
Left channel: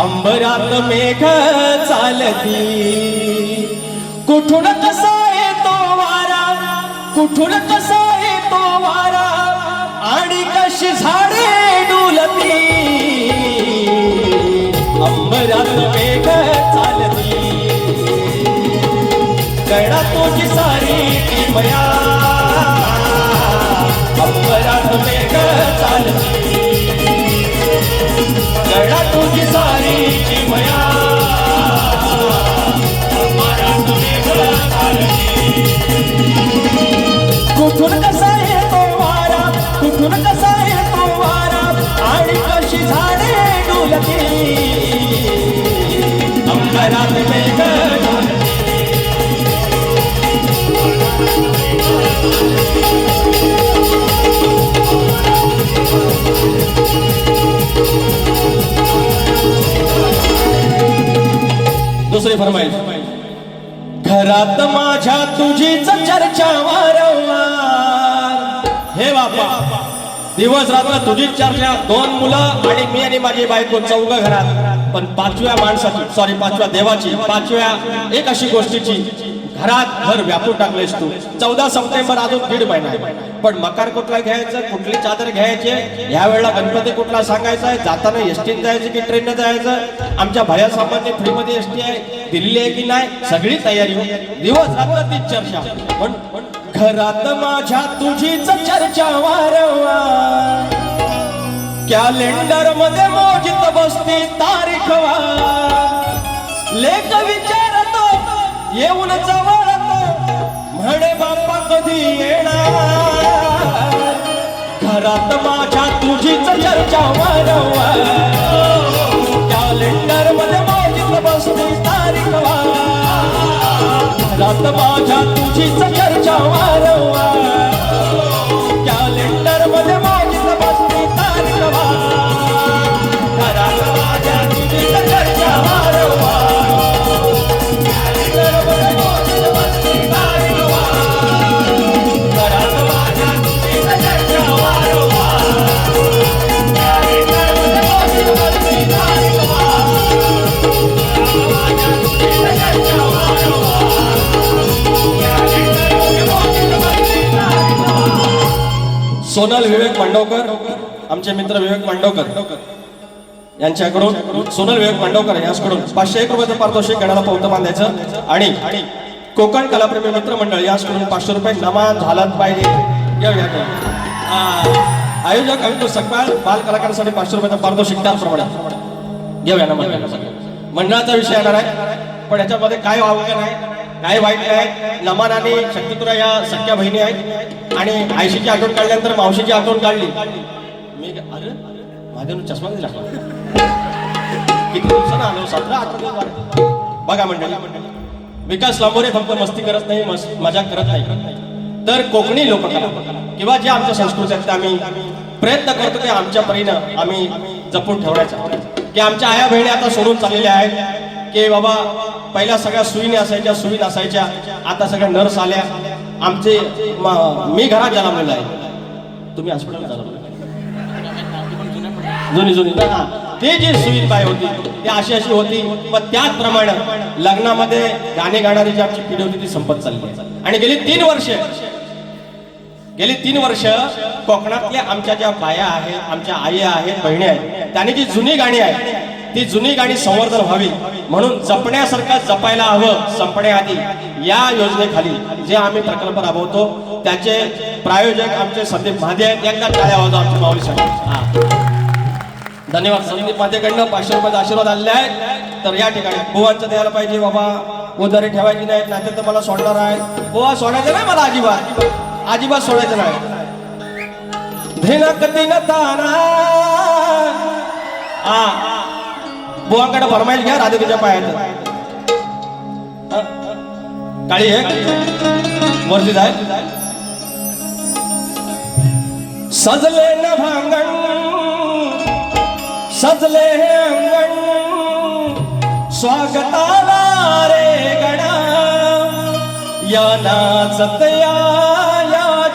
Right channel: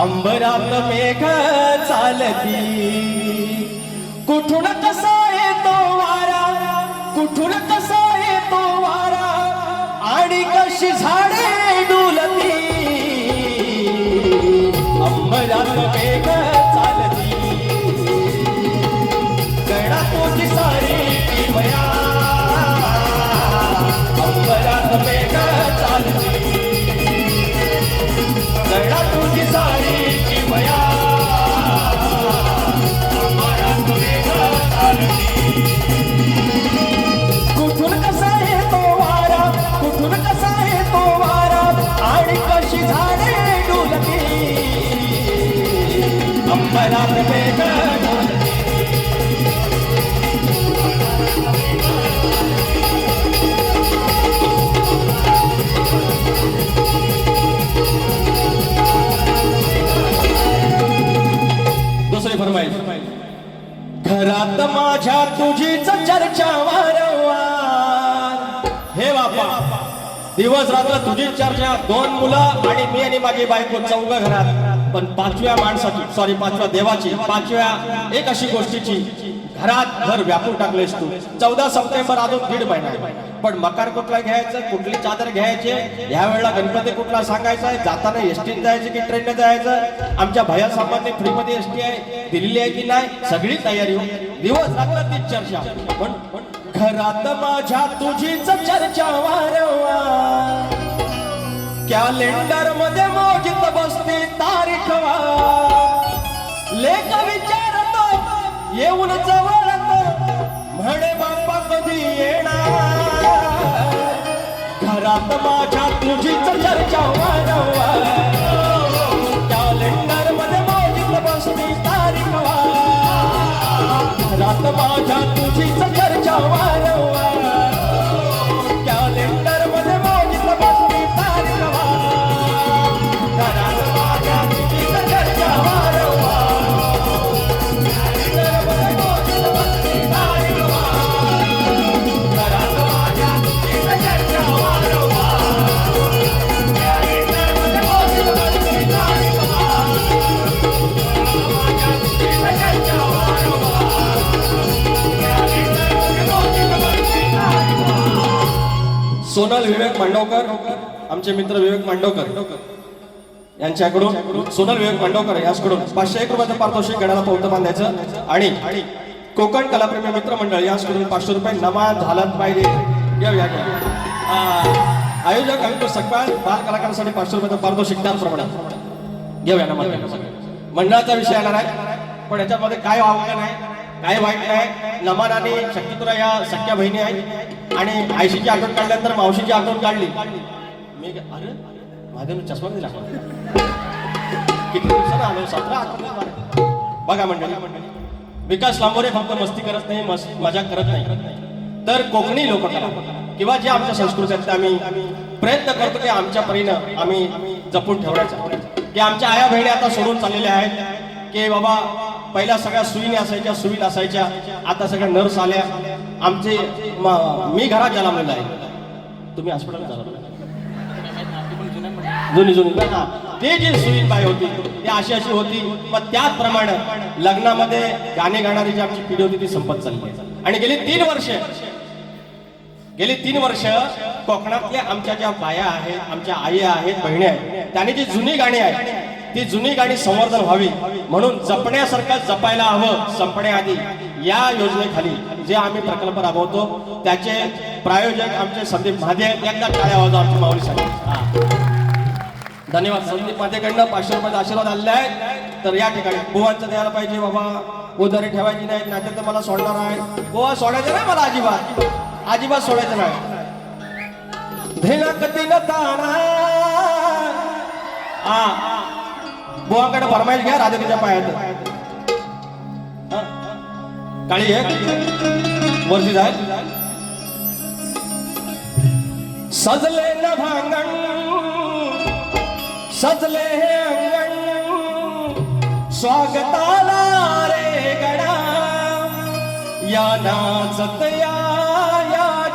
अंबरात मेघ चालती. कुठून कसा येतो वारा, कुठून कसा येतो वारा आणि कशी झाडे डुलती. अंबरात मेघ चालती. गणा तुझी सारी किमया अंबरात मेघ चालती. गणा तुझी सारी किमया अंबरात मेघ चालती. कुठून कसा येतो वारा, कुठून कसा येतो वारा आणि कशी झाडे डुलती. अंबरात मेघ चालती. दुसरी फरमाईश. घरात माझ्या तुझीच चर्चा हे बापा दिवस रात्र तुझीच चर्चा, 2 मुलं आणि मी आणि माझी बायको, 4 घरात. पण 5व्या माणसाची, सॉरी 5व्या देवाची, 5व्या एक अशी गोष्टीची घरात घर व्यापून टाकलेस तू. 14 सप्टेंबर अजून 1.5 महिना आहे. पण मकार कुठला घ्यायचं, कुठली चादर घ्यायची, या वेळेला गणपती कुठला सांगायचा आहे, जाताना एसटीत जायचं की ट्रेनने जायचं, आमच्या भया सामान्य फ्रीमध्ये एसटी आहे, दिल्ली आहे की नाही, सगळी तयारी हो. दिवस रात्र तीच चर्चा. पण घरात माझ्या तुझीच चर्चा वारंवार, कॅलेंडर मध्ये मोजित बसती तारीख वार. लेख विचारतो येऊन जवळतो, म्हणे बाप्पा कधी येणार. घरात माझ्या तुझीच चर्चा वारंवार, कॅलेंडर मध्ये मोजित बसती तारीख वार. घरात माझ्या तुझीच चर्चा वारंवार, कॅलेंडर मध्ये मोजित बसती तारीख वार. घरात माझ्या तुझीच चर्चा वारंवार, कॅलेंडर मध्ये मोजित बसती तारीख वार. घरात माझ्या तुझीच चर्चा वारंवार, कॅलेंडर मध्ये मोजित बसती तारीख सोनल विवेक मंडवकर, आमचे मित्र विवेक मंडवकर यांच्याकडून, सोनल विवेक मंडवकर यांच्याकडून 501 रुपयाचं पारितोषिक गणाला पौतं बांधायचं. आणि कोकण कलाप्रेमी मित्र मंडळ यांच्याकडून 500 रुपये नमाज झालाच पाहिजे. आयोजक अमित सकपाल बाल कलाकारांसाठी 500 रुपयाचं पारितोषिक त्याचप्रमाणे घेऊया नमाज. मंडळाचा विषय येणार आहे, पण याच्यामध्ये काय वावगं नाही, काय वाईट नाही. नमान आणि शक्तिपुरा या सख्या बहिणी आहेत आणि आयशीची आठवण काढल्यानंतर मावशीची आठवण काढली. मी अरे माझ्या चष्मा कधी लागला, किती दिवसानं आलो, 17-18 दिवस झाले. बघा मंडळी, विकास लांबोरे फक्त मस्ती करत नाही, मजा करत नाही, तर कोकणी लोककला किंवा जे आमच्या संस्कृती आहेत आम्ही प्रयत्न करतो की आमच्या परीनं आम्ही जपून ठेवण्याचा. की आमच्या आया बहिणी आता सोडून चाललेल्या आहेत की बाबा पहिल्या सगळ्या सुईने असायच्या, सुई नसायच्या, आता सगळ्या नर्स आल्या. आमचे मी घरात जन्मलेला आहे, तुम्ही हॉस्पिटलला जन्मले, जुनी ते जी सुई बाय होती ती अशी होती. मग त्याचप्रमाणे लग्नामध्ये गाणे गाणारी जी आमची पिढी होती ती संपत चालली आहे. आणि गेली 3 वर्ष कोकणातल्या आमच्या ज्या बाया आहेत, आमच्या आई आहेत, बहिणी आहेत, त्यांनी जी जुनी गाणी आहेत ती जुनी गाणी संवर्धन व्हावी म्हणून जपण्यासारखं जपायला हवं. संपण्याआधी या योजनेखाली जे आम्ही प्रकल्प राबवतो त्याचे प्रायोजक आमचे संदीप महादे आहेत. एकदा टाळ्या वाजवा आमच्या माऊली साहेब. धन्यवाद. संदीप महादेकडनं 500 रुपयाचा आशीर्वाद आलेले आहेत. तर या ठिकाणी बुवांचं द्यायला पाहिजे बाबा, उधारी ठेवायची नाही, नाहीतर तर मला सोडणार आहे. बुवा सोडायचं नाही मला, अजिबात सोडायचं नाही. धिनक दिनताना बुवाकडे फरमाईश घ्या राधिकेच्या पायात. काळी आहे वरती जाय. सजले न भांगण सजले हे अंगण, स्वागताला रे गणा, या नाचत या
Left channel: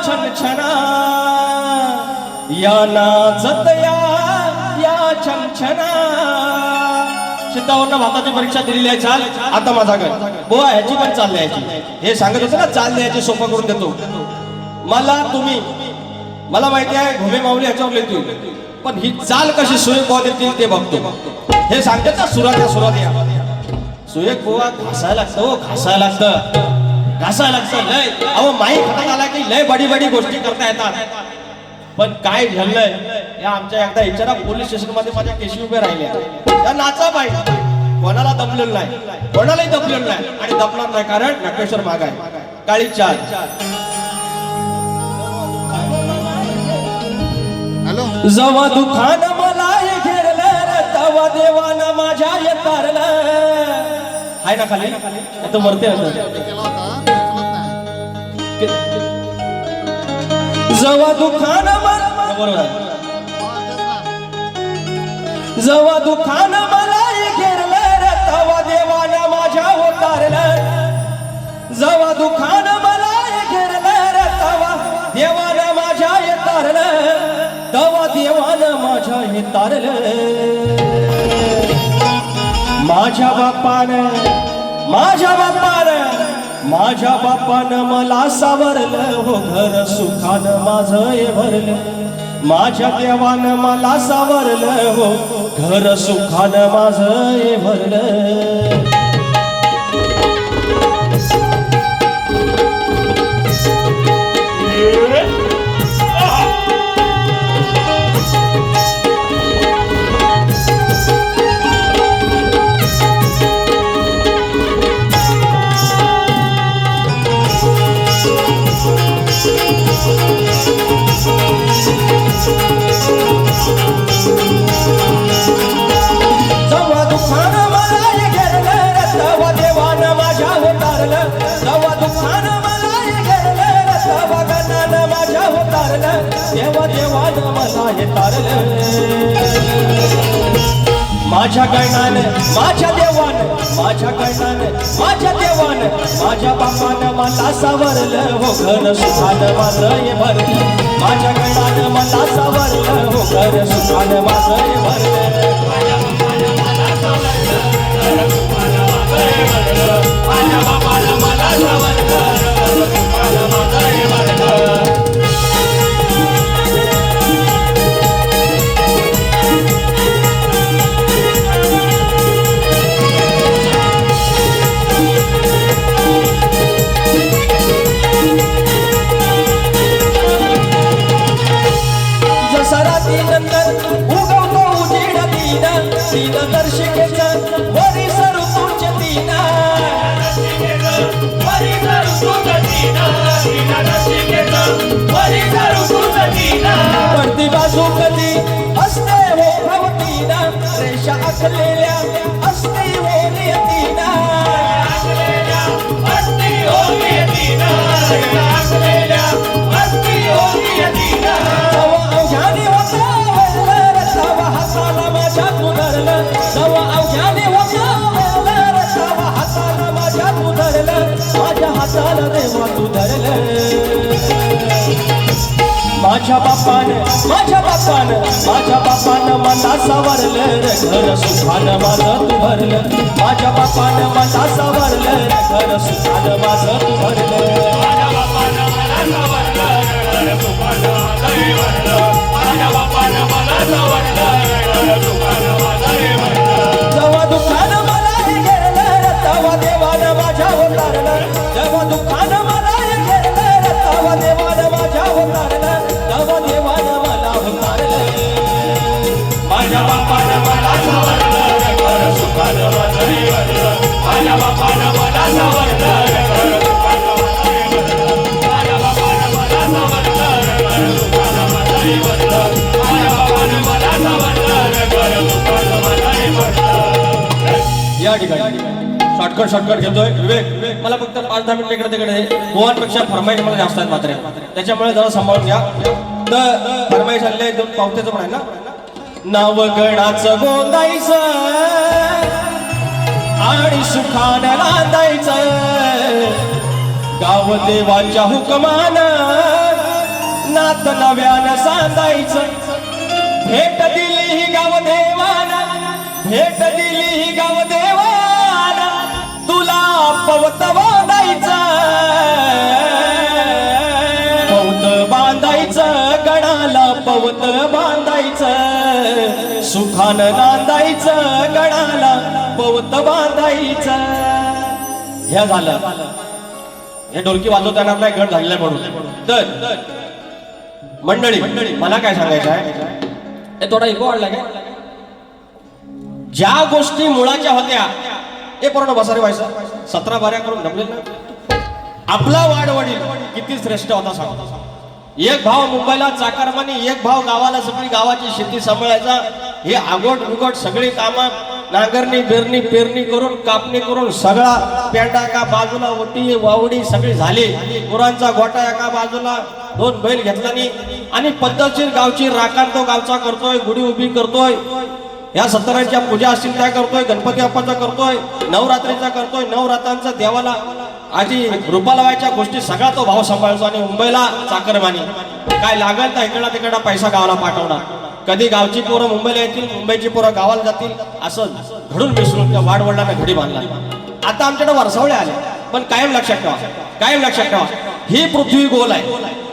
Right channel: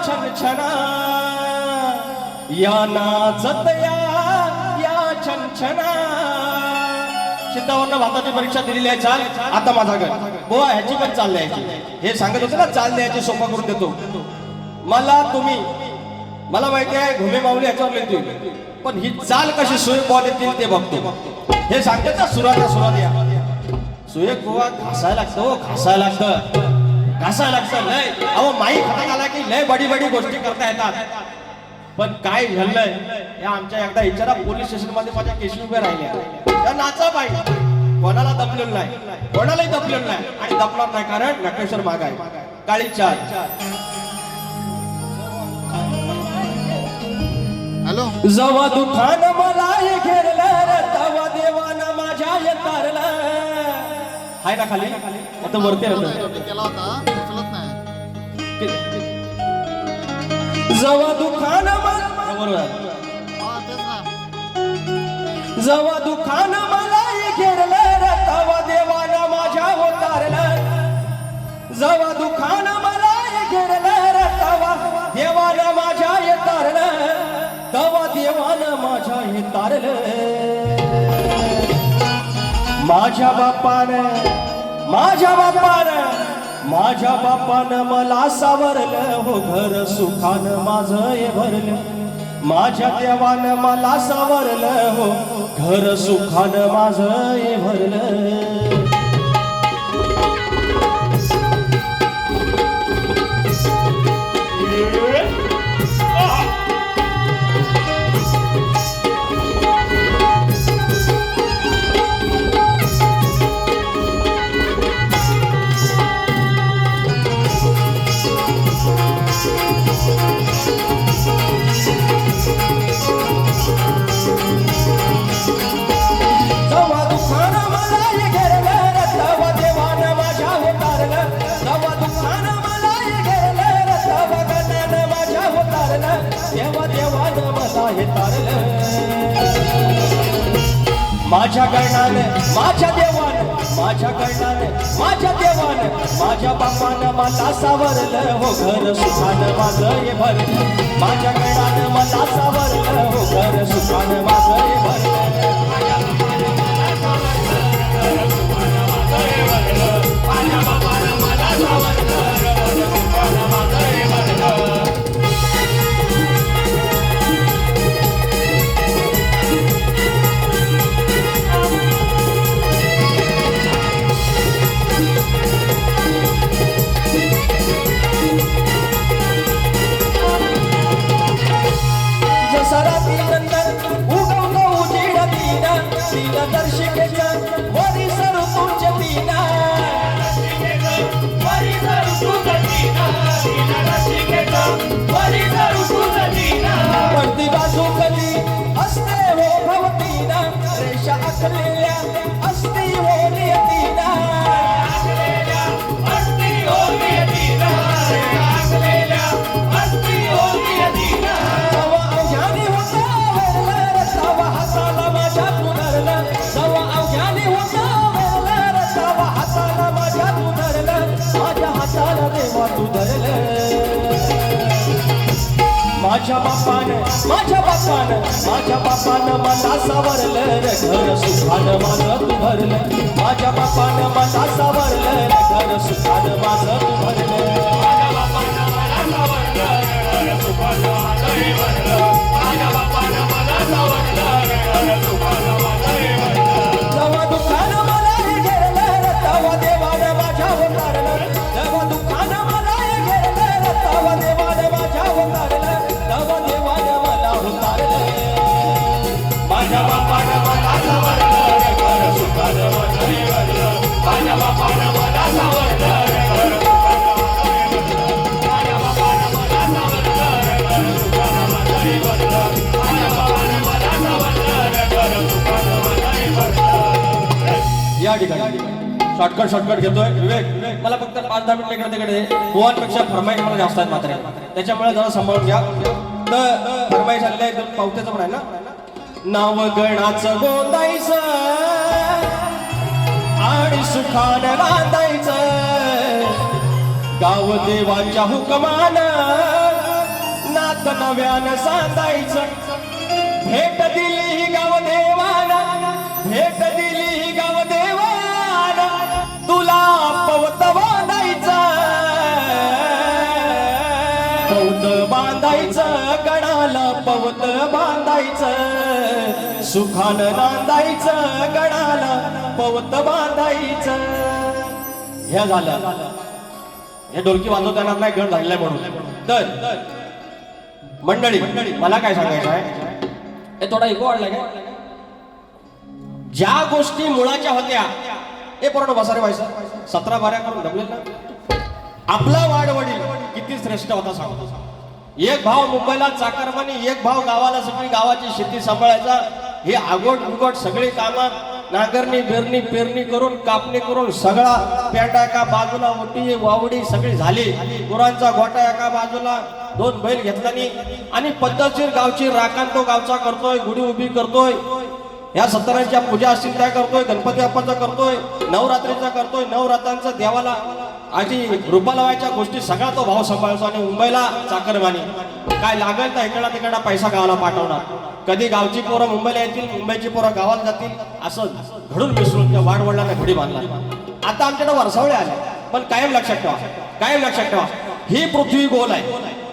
छनछना, या नाचत या छनछना. चित्तावरनं भाताची परीक्षा दिलेली आहे. चाल आता माझा घर बुवा ह्याची पण चाल द्यायची. हे सांगत होते ना चाल द्यायची, सोपा करून देतो. मला माहिती आहे घुमे माऊली ह्याच्यावर लिहितील, पण ही चाल कशी सुरेख बुवा देतील ते बघतो. हे सांगते ना सुरात सुरेख बुवा घासायला लागतं लय. अहो माई खटाक आला की लय बडी गोष्टी करता येतात. पण काय झालंय या आमच्या एकदा विचारा, पोलीस स्टेशन मध्ये माझ्या केशी उभ्या राहिल्या. नाचा पाहिजे, कोणाला दमलेलं नाही, कोणालाही दमलेलं नाही आणि दमणार नाही, कारण नटेश्वर माग आहे. काळी चाल. हॅलो. जवा दुखान मला घेरलं, तवा देवानं माझ्या येतारलं. हाय ना खाली, आता वरती केला होता उचलत नाही. जवा दुखान मला, बरोबर आहे. जवा दुखान मला घेरलं, तवा देवानं माझ्या होतारलं. जवा दुखान मला घेरलं, तवा देवानं माझ्या तवा देवान माझ्या हे तारलं माझ्या बापानं मला सावरलं हो घर सुखानं माझं हे भरलं माझ्या देवानं मला सावरलं हो घर सुखानं माझं हे भरलं माझ्या गणानं माझ्या देवानं माझ्या बापानं मला सावरलं हो घर सुखानं माझं हे भरलं माझ्या गणानं मला सावरलं हो घर सुखानं माझं हे भरलं दर्शिकेचा वरी सरू तुमच्या दिना पडती बाजू कधी असते हो भवतीना रेषा आखलेल्या असती हो नियतीना जवा अवघ्याने होता वल्लर तवा हाताला माझ्या तू धरलं जवा अवघ्याने होता वल्लर तवा हाताला माझ्या तू धरलं माझ्या हाताला देवा तू धरलं माझ्या बापानं मला सावरलं रे घर सुखानं माझं तू भरलं माझ्या बापानं मला सावरलं रे घर सुखानं माझं तू भरलं जेव्हा दुःखानं मला हे घेरलं तेव्हा देवानं माझ्या उतारलं जेव्हा दुःखानं मला हे घेरलं तेव्हा देवानं माझ्या उतारलं तेव्हा देवानं मला उतारलं माझ्या बापानं मला सावरलं घर सुखानं माझं हे भरलं माझ्या बापानं मला सावरलं घर या ठिकाणी शॉर्टकट घेतोय विवेक मला फक्त 5-10 मिनिट इकडे तिकडे मोहनपेक्षा फरमाईश मला जास्त आहेत मात्र त्याच्यामुळे जरा सांभाळून घ्या तर फरमाईश आलेले 2 पावत्याचं पण आहे ना नाव गणाचं गोंदायचं आणि सुखानं नांदायचं गाव देवाच्या हुकमानं नात नव्यानं सांगायचं भेट दिली ही गाव देवाना तुला पवत बांधायचं गणाला पवत बांधायचं सुखानं नांदायचं गणाला पवत बांधायचं हे झालं हे ढोलकी वाजवता येणार नाही गण झालेलं म्हणून तर मंडळी मला काय सांगायचं आहे हे थोडा इको वाढला काय ज्या गोष्टी मुळाच्या होत्या हे पूर्ण बसारे व्हायचं 17 बाऱ्या करून जमले ना आपला वाडवडील किती श्रेष्ठ होता सांग एक भाव मुंबईला चाकारमानी एक भाव गावाला सगळी गावाची शेती सांभाळायचा हे आगोट बिगोट सगळी कामं नांगरणी बेरणी पेरणी करून कापणी करून सगळा पेंडा एका बाजूला ओटी वावडी सगळी झाली गुरांचा गोटा एका बाजूला 2 बैल घेतला आणि पद्धतशीर गावची राखण तो गावचा करतोय गुढी उभी करतोय या सत्तरांच्या पूजा असतील त्या करतोय गणपती बाप्पाचा करतोय नवरात्रीचा करतोय नवरात्रांचा देवाला आधी रुपालवायच्या गोष्टी सगळा तो भाव सांभाळतो आणि मुंबईला चाकरमानी काय लागल तर इकडा तिकडा पैसा गावाला पाठवणार. कधी गावची पोरं मुंबईला येतील, मुंबईची पोरं गावाला जातील, असं घडून मिसळून त्या वाडवडिलांना घडी बांधला. आता आमच्याकडे वरसावळे आले, पण कायम लक्षात ठेवा, कायम लक्षात ठेवा, ही पृथ्वी गोल आहे,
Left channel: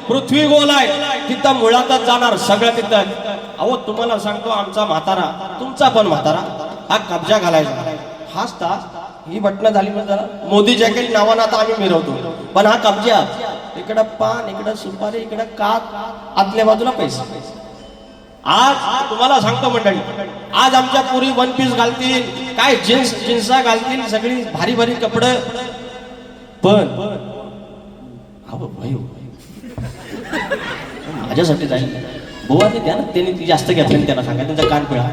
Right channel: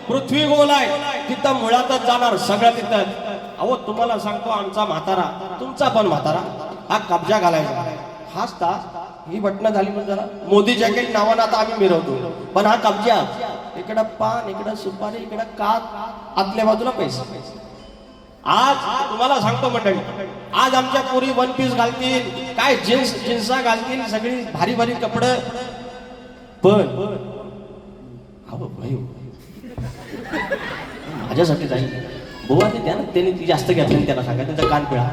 पृथ्वी गोल आहे, तिथं मुळातच जाणार सगळं तिथं. अहो तुम्हाला सांगतो, आमचा म्हातारा, तुमचा पण म्हातारा, हा कब्जा घालायचा, हाच तास ही बटणं झाली म्हणजे जरा मोदी जॅकेट नावानं आता आम्ही मिरवतो, पण हा कब्जा, इकडं पान, इकडं सुपारी, इकडं कात, आतल्या बाजूला पैसे. आज तुम्हाला सांगतो मंडळी, आज आमच्या पोरी वन पीस घालतील, काय जिन्सा घालतील, सगळी भारी भारी कपडे, पण अहो भाई माझ्यासाठी जाईल बुवा ते द्या ना, त्यांनी ती जास्त घेतली, त्यांना सांगा, त्यांचा कान पिळा.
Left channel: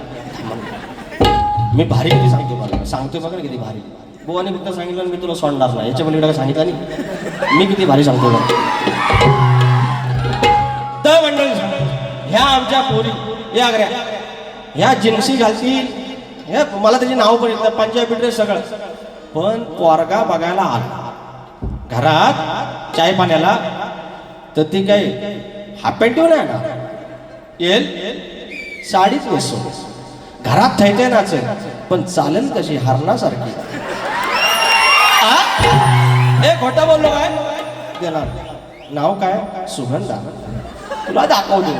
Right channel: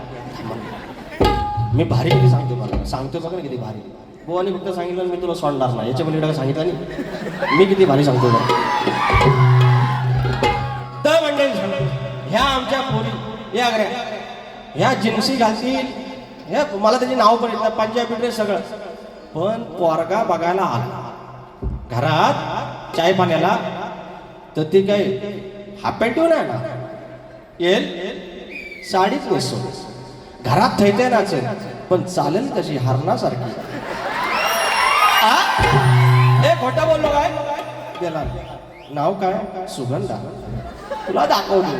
मी भारी किती सांगतो मला, सांगतो बघा किती भारी. बुवानी फक्त सांगितलं मी तुला सोडणार नाही, याच्या पलीकडे सांगितलं नाही, मी किती भारी सांगतो बघा. तर मंडळी सांगतो, ह्या आमच्या पोरी या गऱ्या, ह्या जिन्सी घालतील, ह्या मला त्याची नाव पण येतात, पंजाबी ड्रेस सगळं, पण पोरगा बघायला आला घरात चाय पाण्याला, तर ती काय हाफ पॅन्ट नाही ना, येईल साडीच नेसो, घरात थैते नाचेल, पण चालेल कशी हरणासारखी. हे खोटं बोललो काय, त्याला नाव काय, सुगंधा, तुला दाखवतो.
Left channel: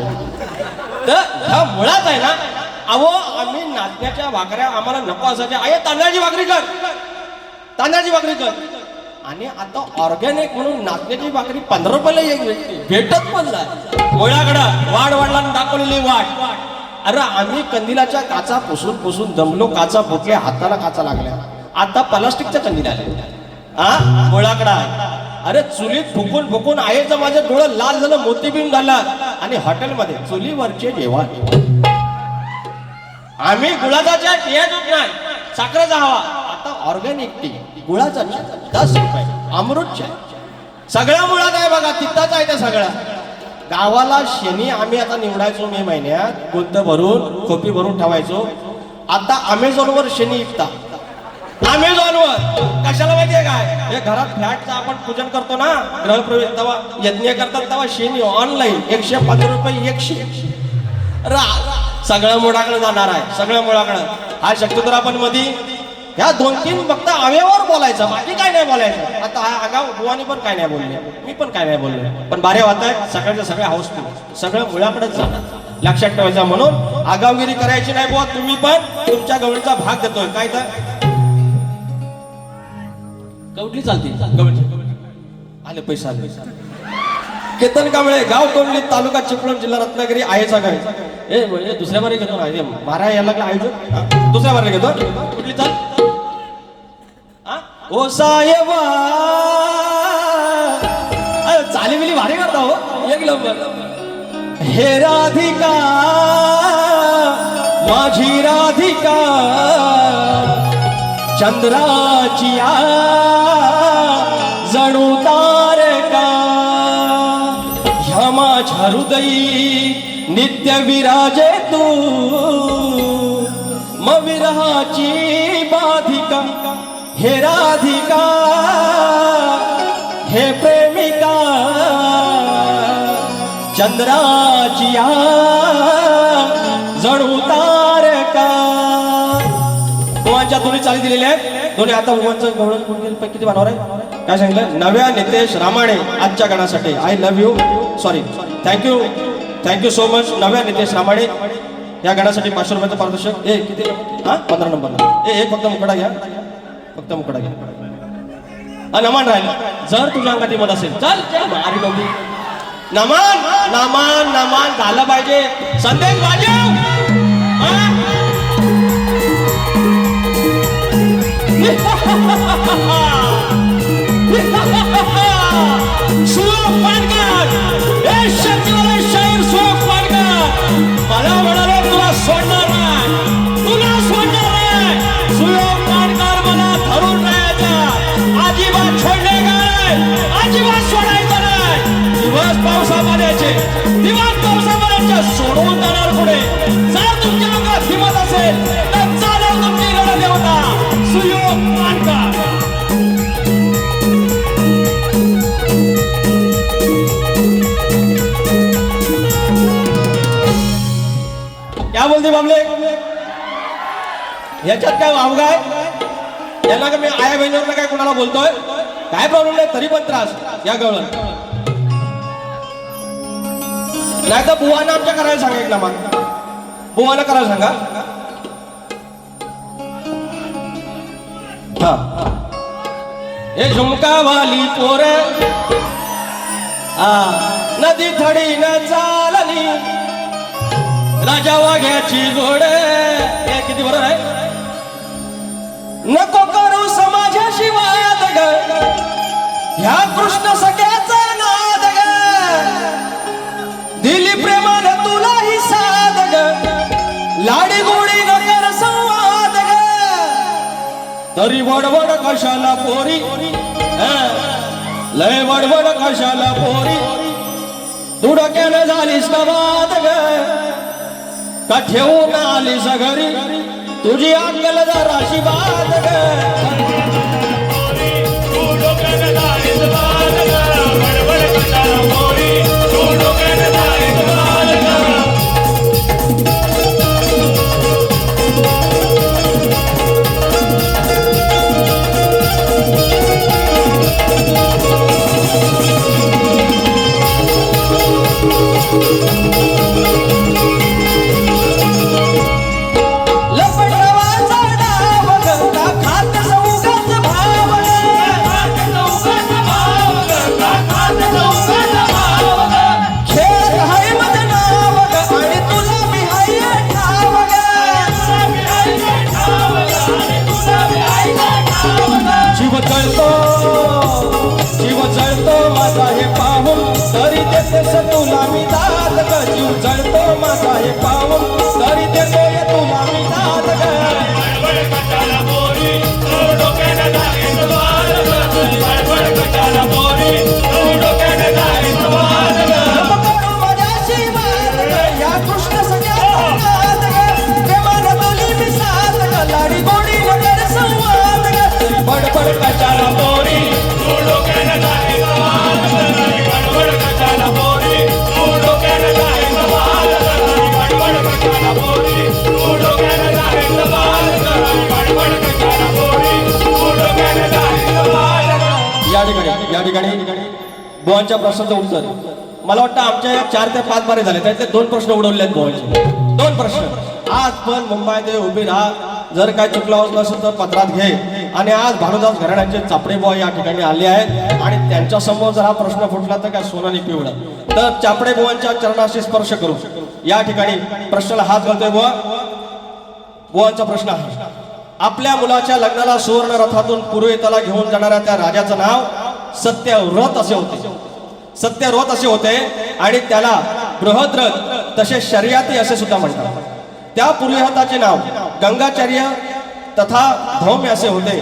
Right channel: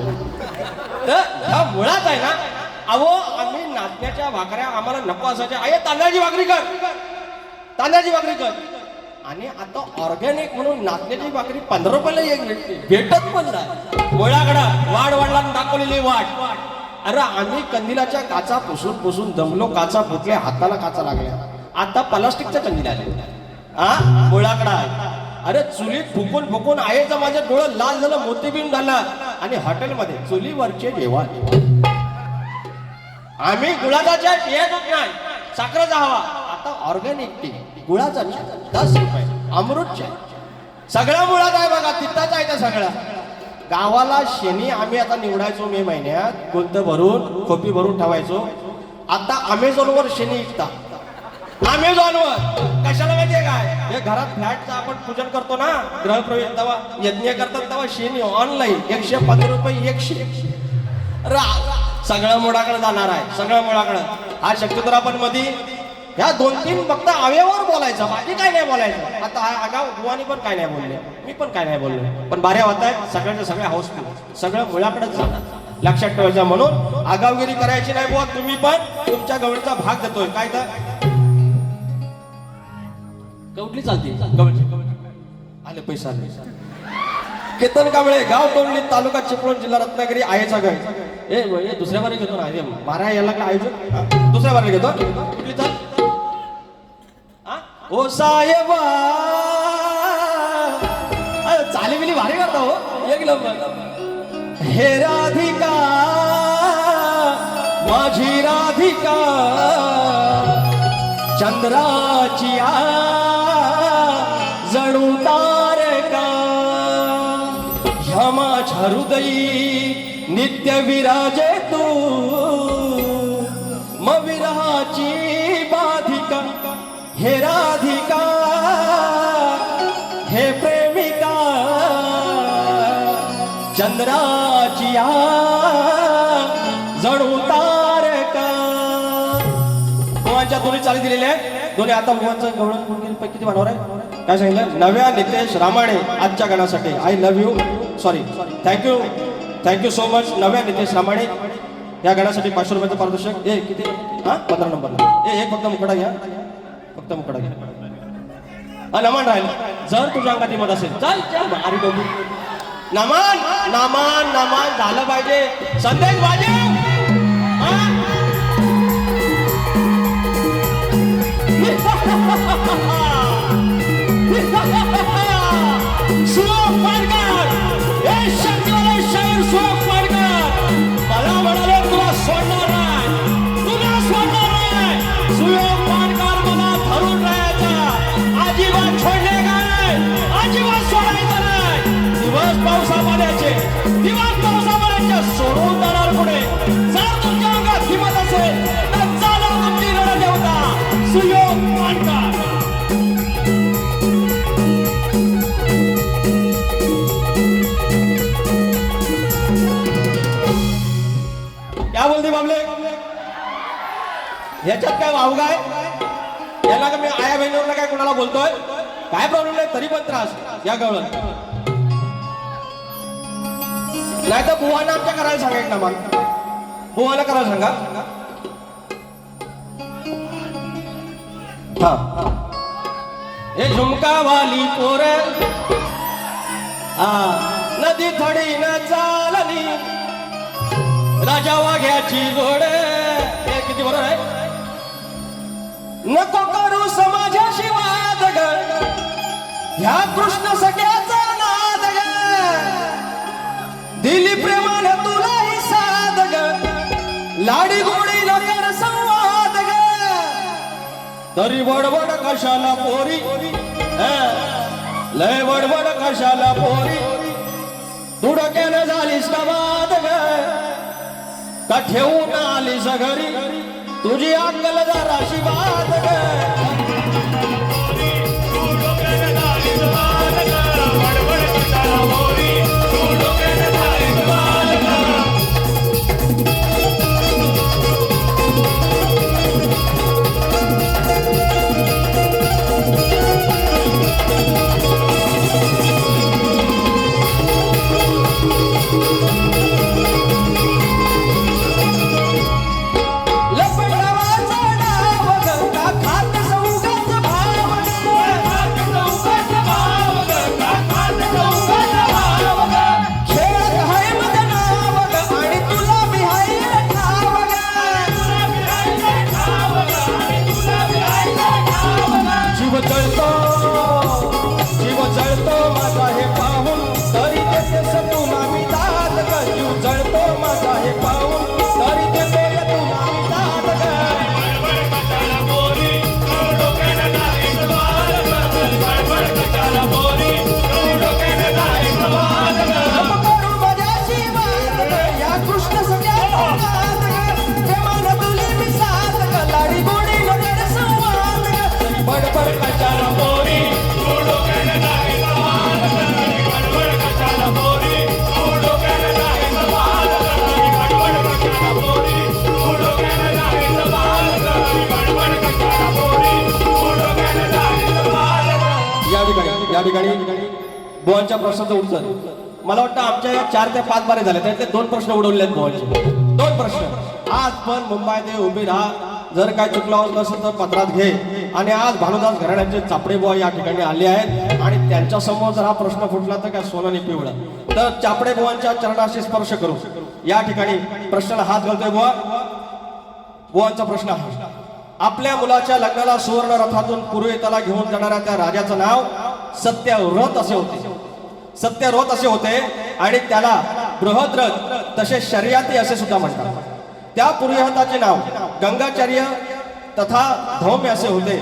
तर ह्या मुळात आहे ना, अहो आम्ही नाचण्याच्या भाकऱ्या आम्हाला नको असायच्या, आहे तांदळाची भाकरी कर, तांदळाची भाकरी कर. आणि आता ऑर्गॅनिक म्हणून नाचण्याची भाकरी 15 रुपयाला एक भेटत पण नाही. गोळ्याकडं वाढ वाढला दाखवलेली वाट. अरे आम्ही कंदिलाच्या काचा पुसून पुसून दमलो, काचा फुटल्या, हाताला काचा लागल्या, आता प्लास्टिकच्या कंदील आल्या. हा गोळ्याकडा, अरे चुलीत फुकून फुकून आईचं माझं डोळं लाल झालं, मोतीबिंद झाला. आणि हॉटेलमध्ये चुलीवरचे जेवण, आम्ही गुळाचा चहा पियच नाही, साखरेचा हवा, आता ऑर्गॅनिक टी, गुळाचा चहा 10 रुपये, अमृत चहा, सगळ्या मुळात आहे बघा, तिथंच आहे त्या सगळ्या. गावाला शेणी आम्ही आता निवडायचो मे महिन्यात, गुंत भरून खोपी भरून ठेवायचो. आता अमेझॉनवर शेणी विकतात, अमेझॉनवर. कशाला माहितीये काय, हे घरात फ्लॅटचं आपण पूजन करतो ना, गृहप्रवेश तेव्हा यज्ञ करतात, तेव्हा शेणी ऑनलाईन 115 रुपये 100. सगळं मुळाकडे जाणार आहे, सगळं मुळाकडे. हा शक्यतो आपण मध्ये ह्या 2-3 फक्त अव्यवावर बोलायचं, बाकी काय नाही बोलायचं. आता हा आगाव बुवानी पण काय नाही बोलले, मी पण काय नाही बोलले, पण बारे होत आहे सगळ्यांच्या सगळ्या हाऊसफुल, सगळं मुळाकडेच जाणार. लक्षात ठेवायचं, म्हणून आगावगिरी करायची नाही बुवा. तुम्ही पण तुमच्या गवळीचा भाग देतोय काय, तर गवळी चालते, गवळी आले पैसा आले. केतन कांबळे, गाव कोंडली, तालुका चिपळूण, जिल्हा रत्नागिरी, आहेचा गाय. ए दुसऱ्या बारी घेतो ना, मारा यायला लागला आयोजक, दुसऱ्या बारी घेतो, कुठली चाल. ओ साहेबा चाली बिली भारी करता हो, एक नंबर. हे राधिका माझी राधिका, चंद्राची जणू तारका, ह्या माझ्या हृदयी नित्य विराजे तू, मग विरहाची बाधिका. हे राधिका हे प्रेमिका, चंद्राची जणू तारका. गोवांच्या दोन्ही चाली दिलेल्या आहेत, दोन्ही. आता गोवांचं गवळण किती बनवणार आहे काय सांगितलं, नव्या नितेश रामाणे आजच्या गाण्यासाठी. I love you, sorry, thank you so much नव्या नितेश रामाणे. या गाण्यासाठी 500 रुपयाचं पारितोषिक. ए किती, हा 15 नंबर. एक फक्त मुकडा घ्या, फक्त मुकडा घ्या. नमान राहिला, जर तुझ्या अंगात मत असेल चल मारी बघू. नमान नमान नमान झालं पाहिजे. संदेश वाजव. मला म्हणाले तुला सोडणार नाही, तुला सोडणार नाही. सुयोग पाणकर मला धरून राहायचा, अजिबात सोडणे नाही, अजिबात सोडायचं नाही. दिवस पावसामध्ये सोडून जाणार पुढे. याच्यात काय वावगा आहे? याला का मी आया बहिणीवर काय कोणाला बोलतोय? काय प्रॉब्लेम नाही, तरी पण त्रास या गवळण. नाही तर बुवानं आमच्या करायला सांगितलं मग. बुवाला करायला सांगा. हा हे झुमका वाली पोर हा नदी थडी न चालली राजा वाघ्याची जोड. हे किती बरोबर आहे? नको करू समाजाशी वाद ग ह्या कृष्ण सगळ्याचा नाद ग. दिली प्रेमाने तुला ही साध ग लाडी गोडी न कर संवाद ग. तरी वडवड कशाला पोरी लय वडवड कशाला पोरी तू डोक्यानं झालीस का बाद ग का ठेवून आलीस घरी तुझी अक्कल जराशी बाद ग. जीव जळतो माझा हे पाहून तरी देतेस तुला मी दाद ग. जीव जळतो माझा हे पाहून तरी देतोय तुला मी दाद ग. माझ्याशी वाद ग या कृष्ण सगळ्या नाद ग. प्रेमाने तुली मी साथ ग लाडी गोडी न कर संवाद ग. बडबड कशाला पोरी या ठिकाणी बुवांच्या प्रश्नाचं उत्तर मला वाटतं आमच्या 4 ते 5 बारे झाले त्यातले 2 प्रश्न उडवले आहेत बुवांचे. 2 प्रश्न. आज पण मुंबईत उभी राहा, जर काय चुकलं असेल तर पत्रात घे. आणि आज भानुदास घराण्याचे चापडे बुवा या ठिकाणी आले आहेत आणि त्यांच्या समोर जर हा प्रश्न फुटला तर काय सोनं नाही पिवळं. तर चापडे बुवांच्या चरणाशी स्पर्श करू या ठिकाणी प्रश्नाला हात घालतोय बुवा. बुवांचा प्रश्न आहे, आपल्या मुलाच्या लग्नाला सुवर्ण रथातून पुरोहिताला घेऊन जाणाऱ्या त्या राजाचं नाव सत्यव्रत असे होते. सत्यव्रत असे होते आणि त्याला बृहद्रथ तसे शर्याती असे सुद्धा म्हणतात. त्या पुरोहिताचे नाव गंगाचार्य तथा धौम्य असे होते.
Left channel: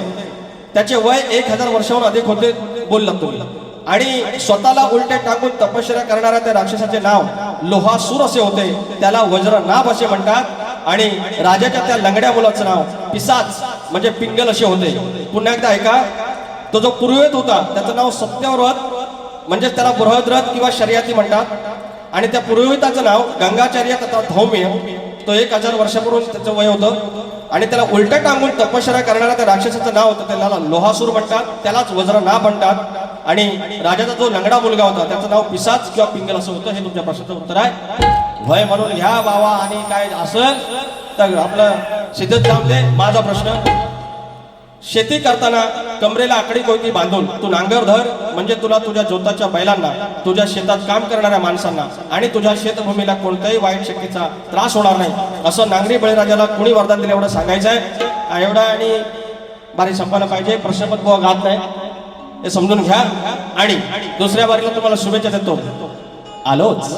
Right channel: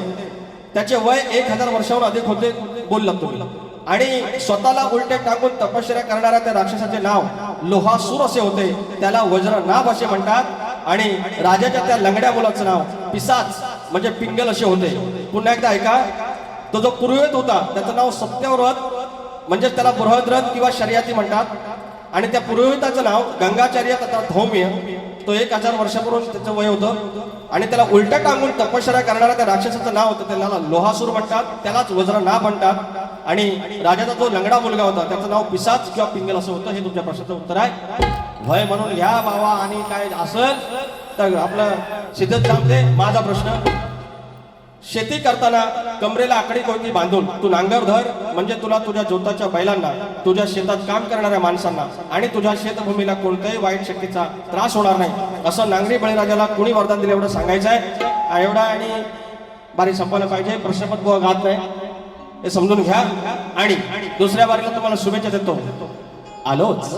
त्याचे वय 1000 वर्षाहून अधिक होते बोललात तुम्ही. आणि स्वतःला उलटे टाकून तपश्चर्या करणाऱ्या त्या राक्षसाचे नाव लोहासूर असे होते. त्याला वज्रनाभ असे म्हणतात. आणि राजाच्या त्या लंगड्या मुलाचं नाव पिसाच म्हणजे पिंगल असे होते. पुन्हा एकदा ऐका, तो जो पुरोहित होता त्याचं नाव सत्यव्रत म्हणजे त्याला बृहद्रथ किंवा शर्याती म्हणतात. आणि त्या पुरोहिताचं नाव गंगाचार्य तथा धौम्य. तो 1000 वर्षापूर्वी त्याचं वय होतं. आणि त्याला उलटा टांगून तपश्चर्या करणाऱ्या त्या राक्षसाचं नाव होतं त्याला लोहासूर म्हणतात. त्यालाच वज्रनाभ म्हणतात. आणि राजाचा जो लंगडा मुलगा होता त्याचं नाव पिसाच किंवा पिंगल असं होतं. हे तुमच्या प्रश्नाचं उत्तर आहे. भय म्हणून ह्या बाबा आणि काय असं तर आपलं सिद्धत लांबले. माझा प्रश्न, शेती करताना कमरेला आकडी कोयती बांधून तू नांगर धर म्हणजे तुला तुझ्या जोताच्या बैलांना, तुझ्या शेतात काम करणाऱ्या माणसांना आणि तुझ्या शेतभूमीला कोणत्याही वाईट शक्तीचा त्रास होणार नाही असं नांगरी बळीराजाला कोणी वरदान दिलं एवढं सांगायचं आहे. एवढा आणि बारी संपायला पाहिजे. प्रश्नपत्र बुवा घात नाही हे समजून घ्या. आणि दुसऱ्या बारीला तुम्हाला शुभेच्छा देतो. आलोच.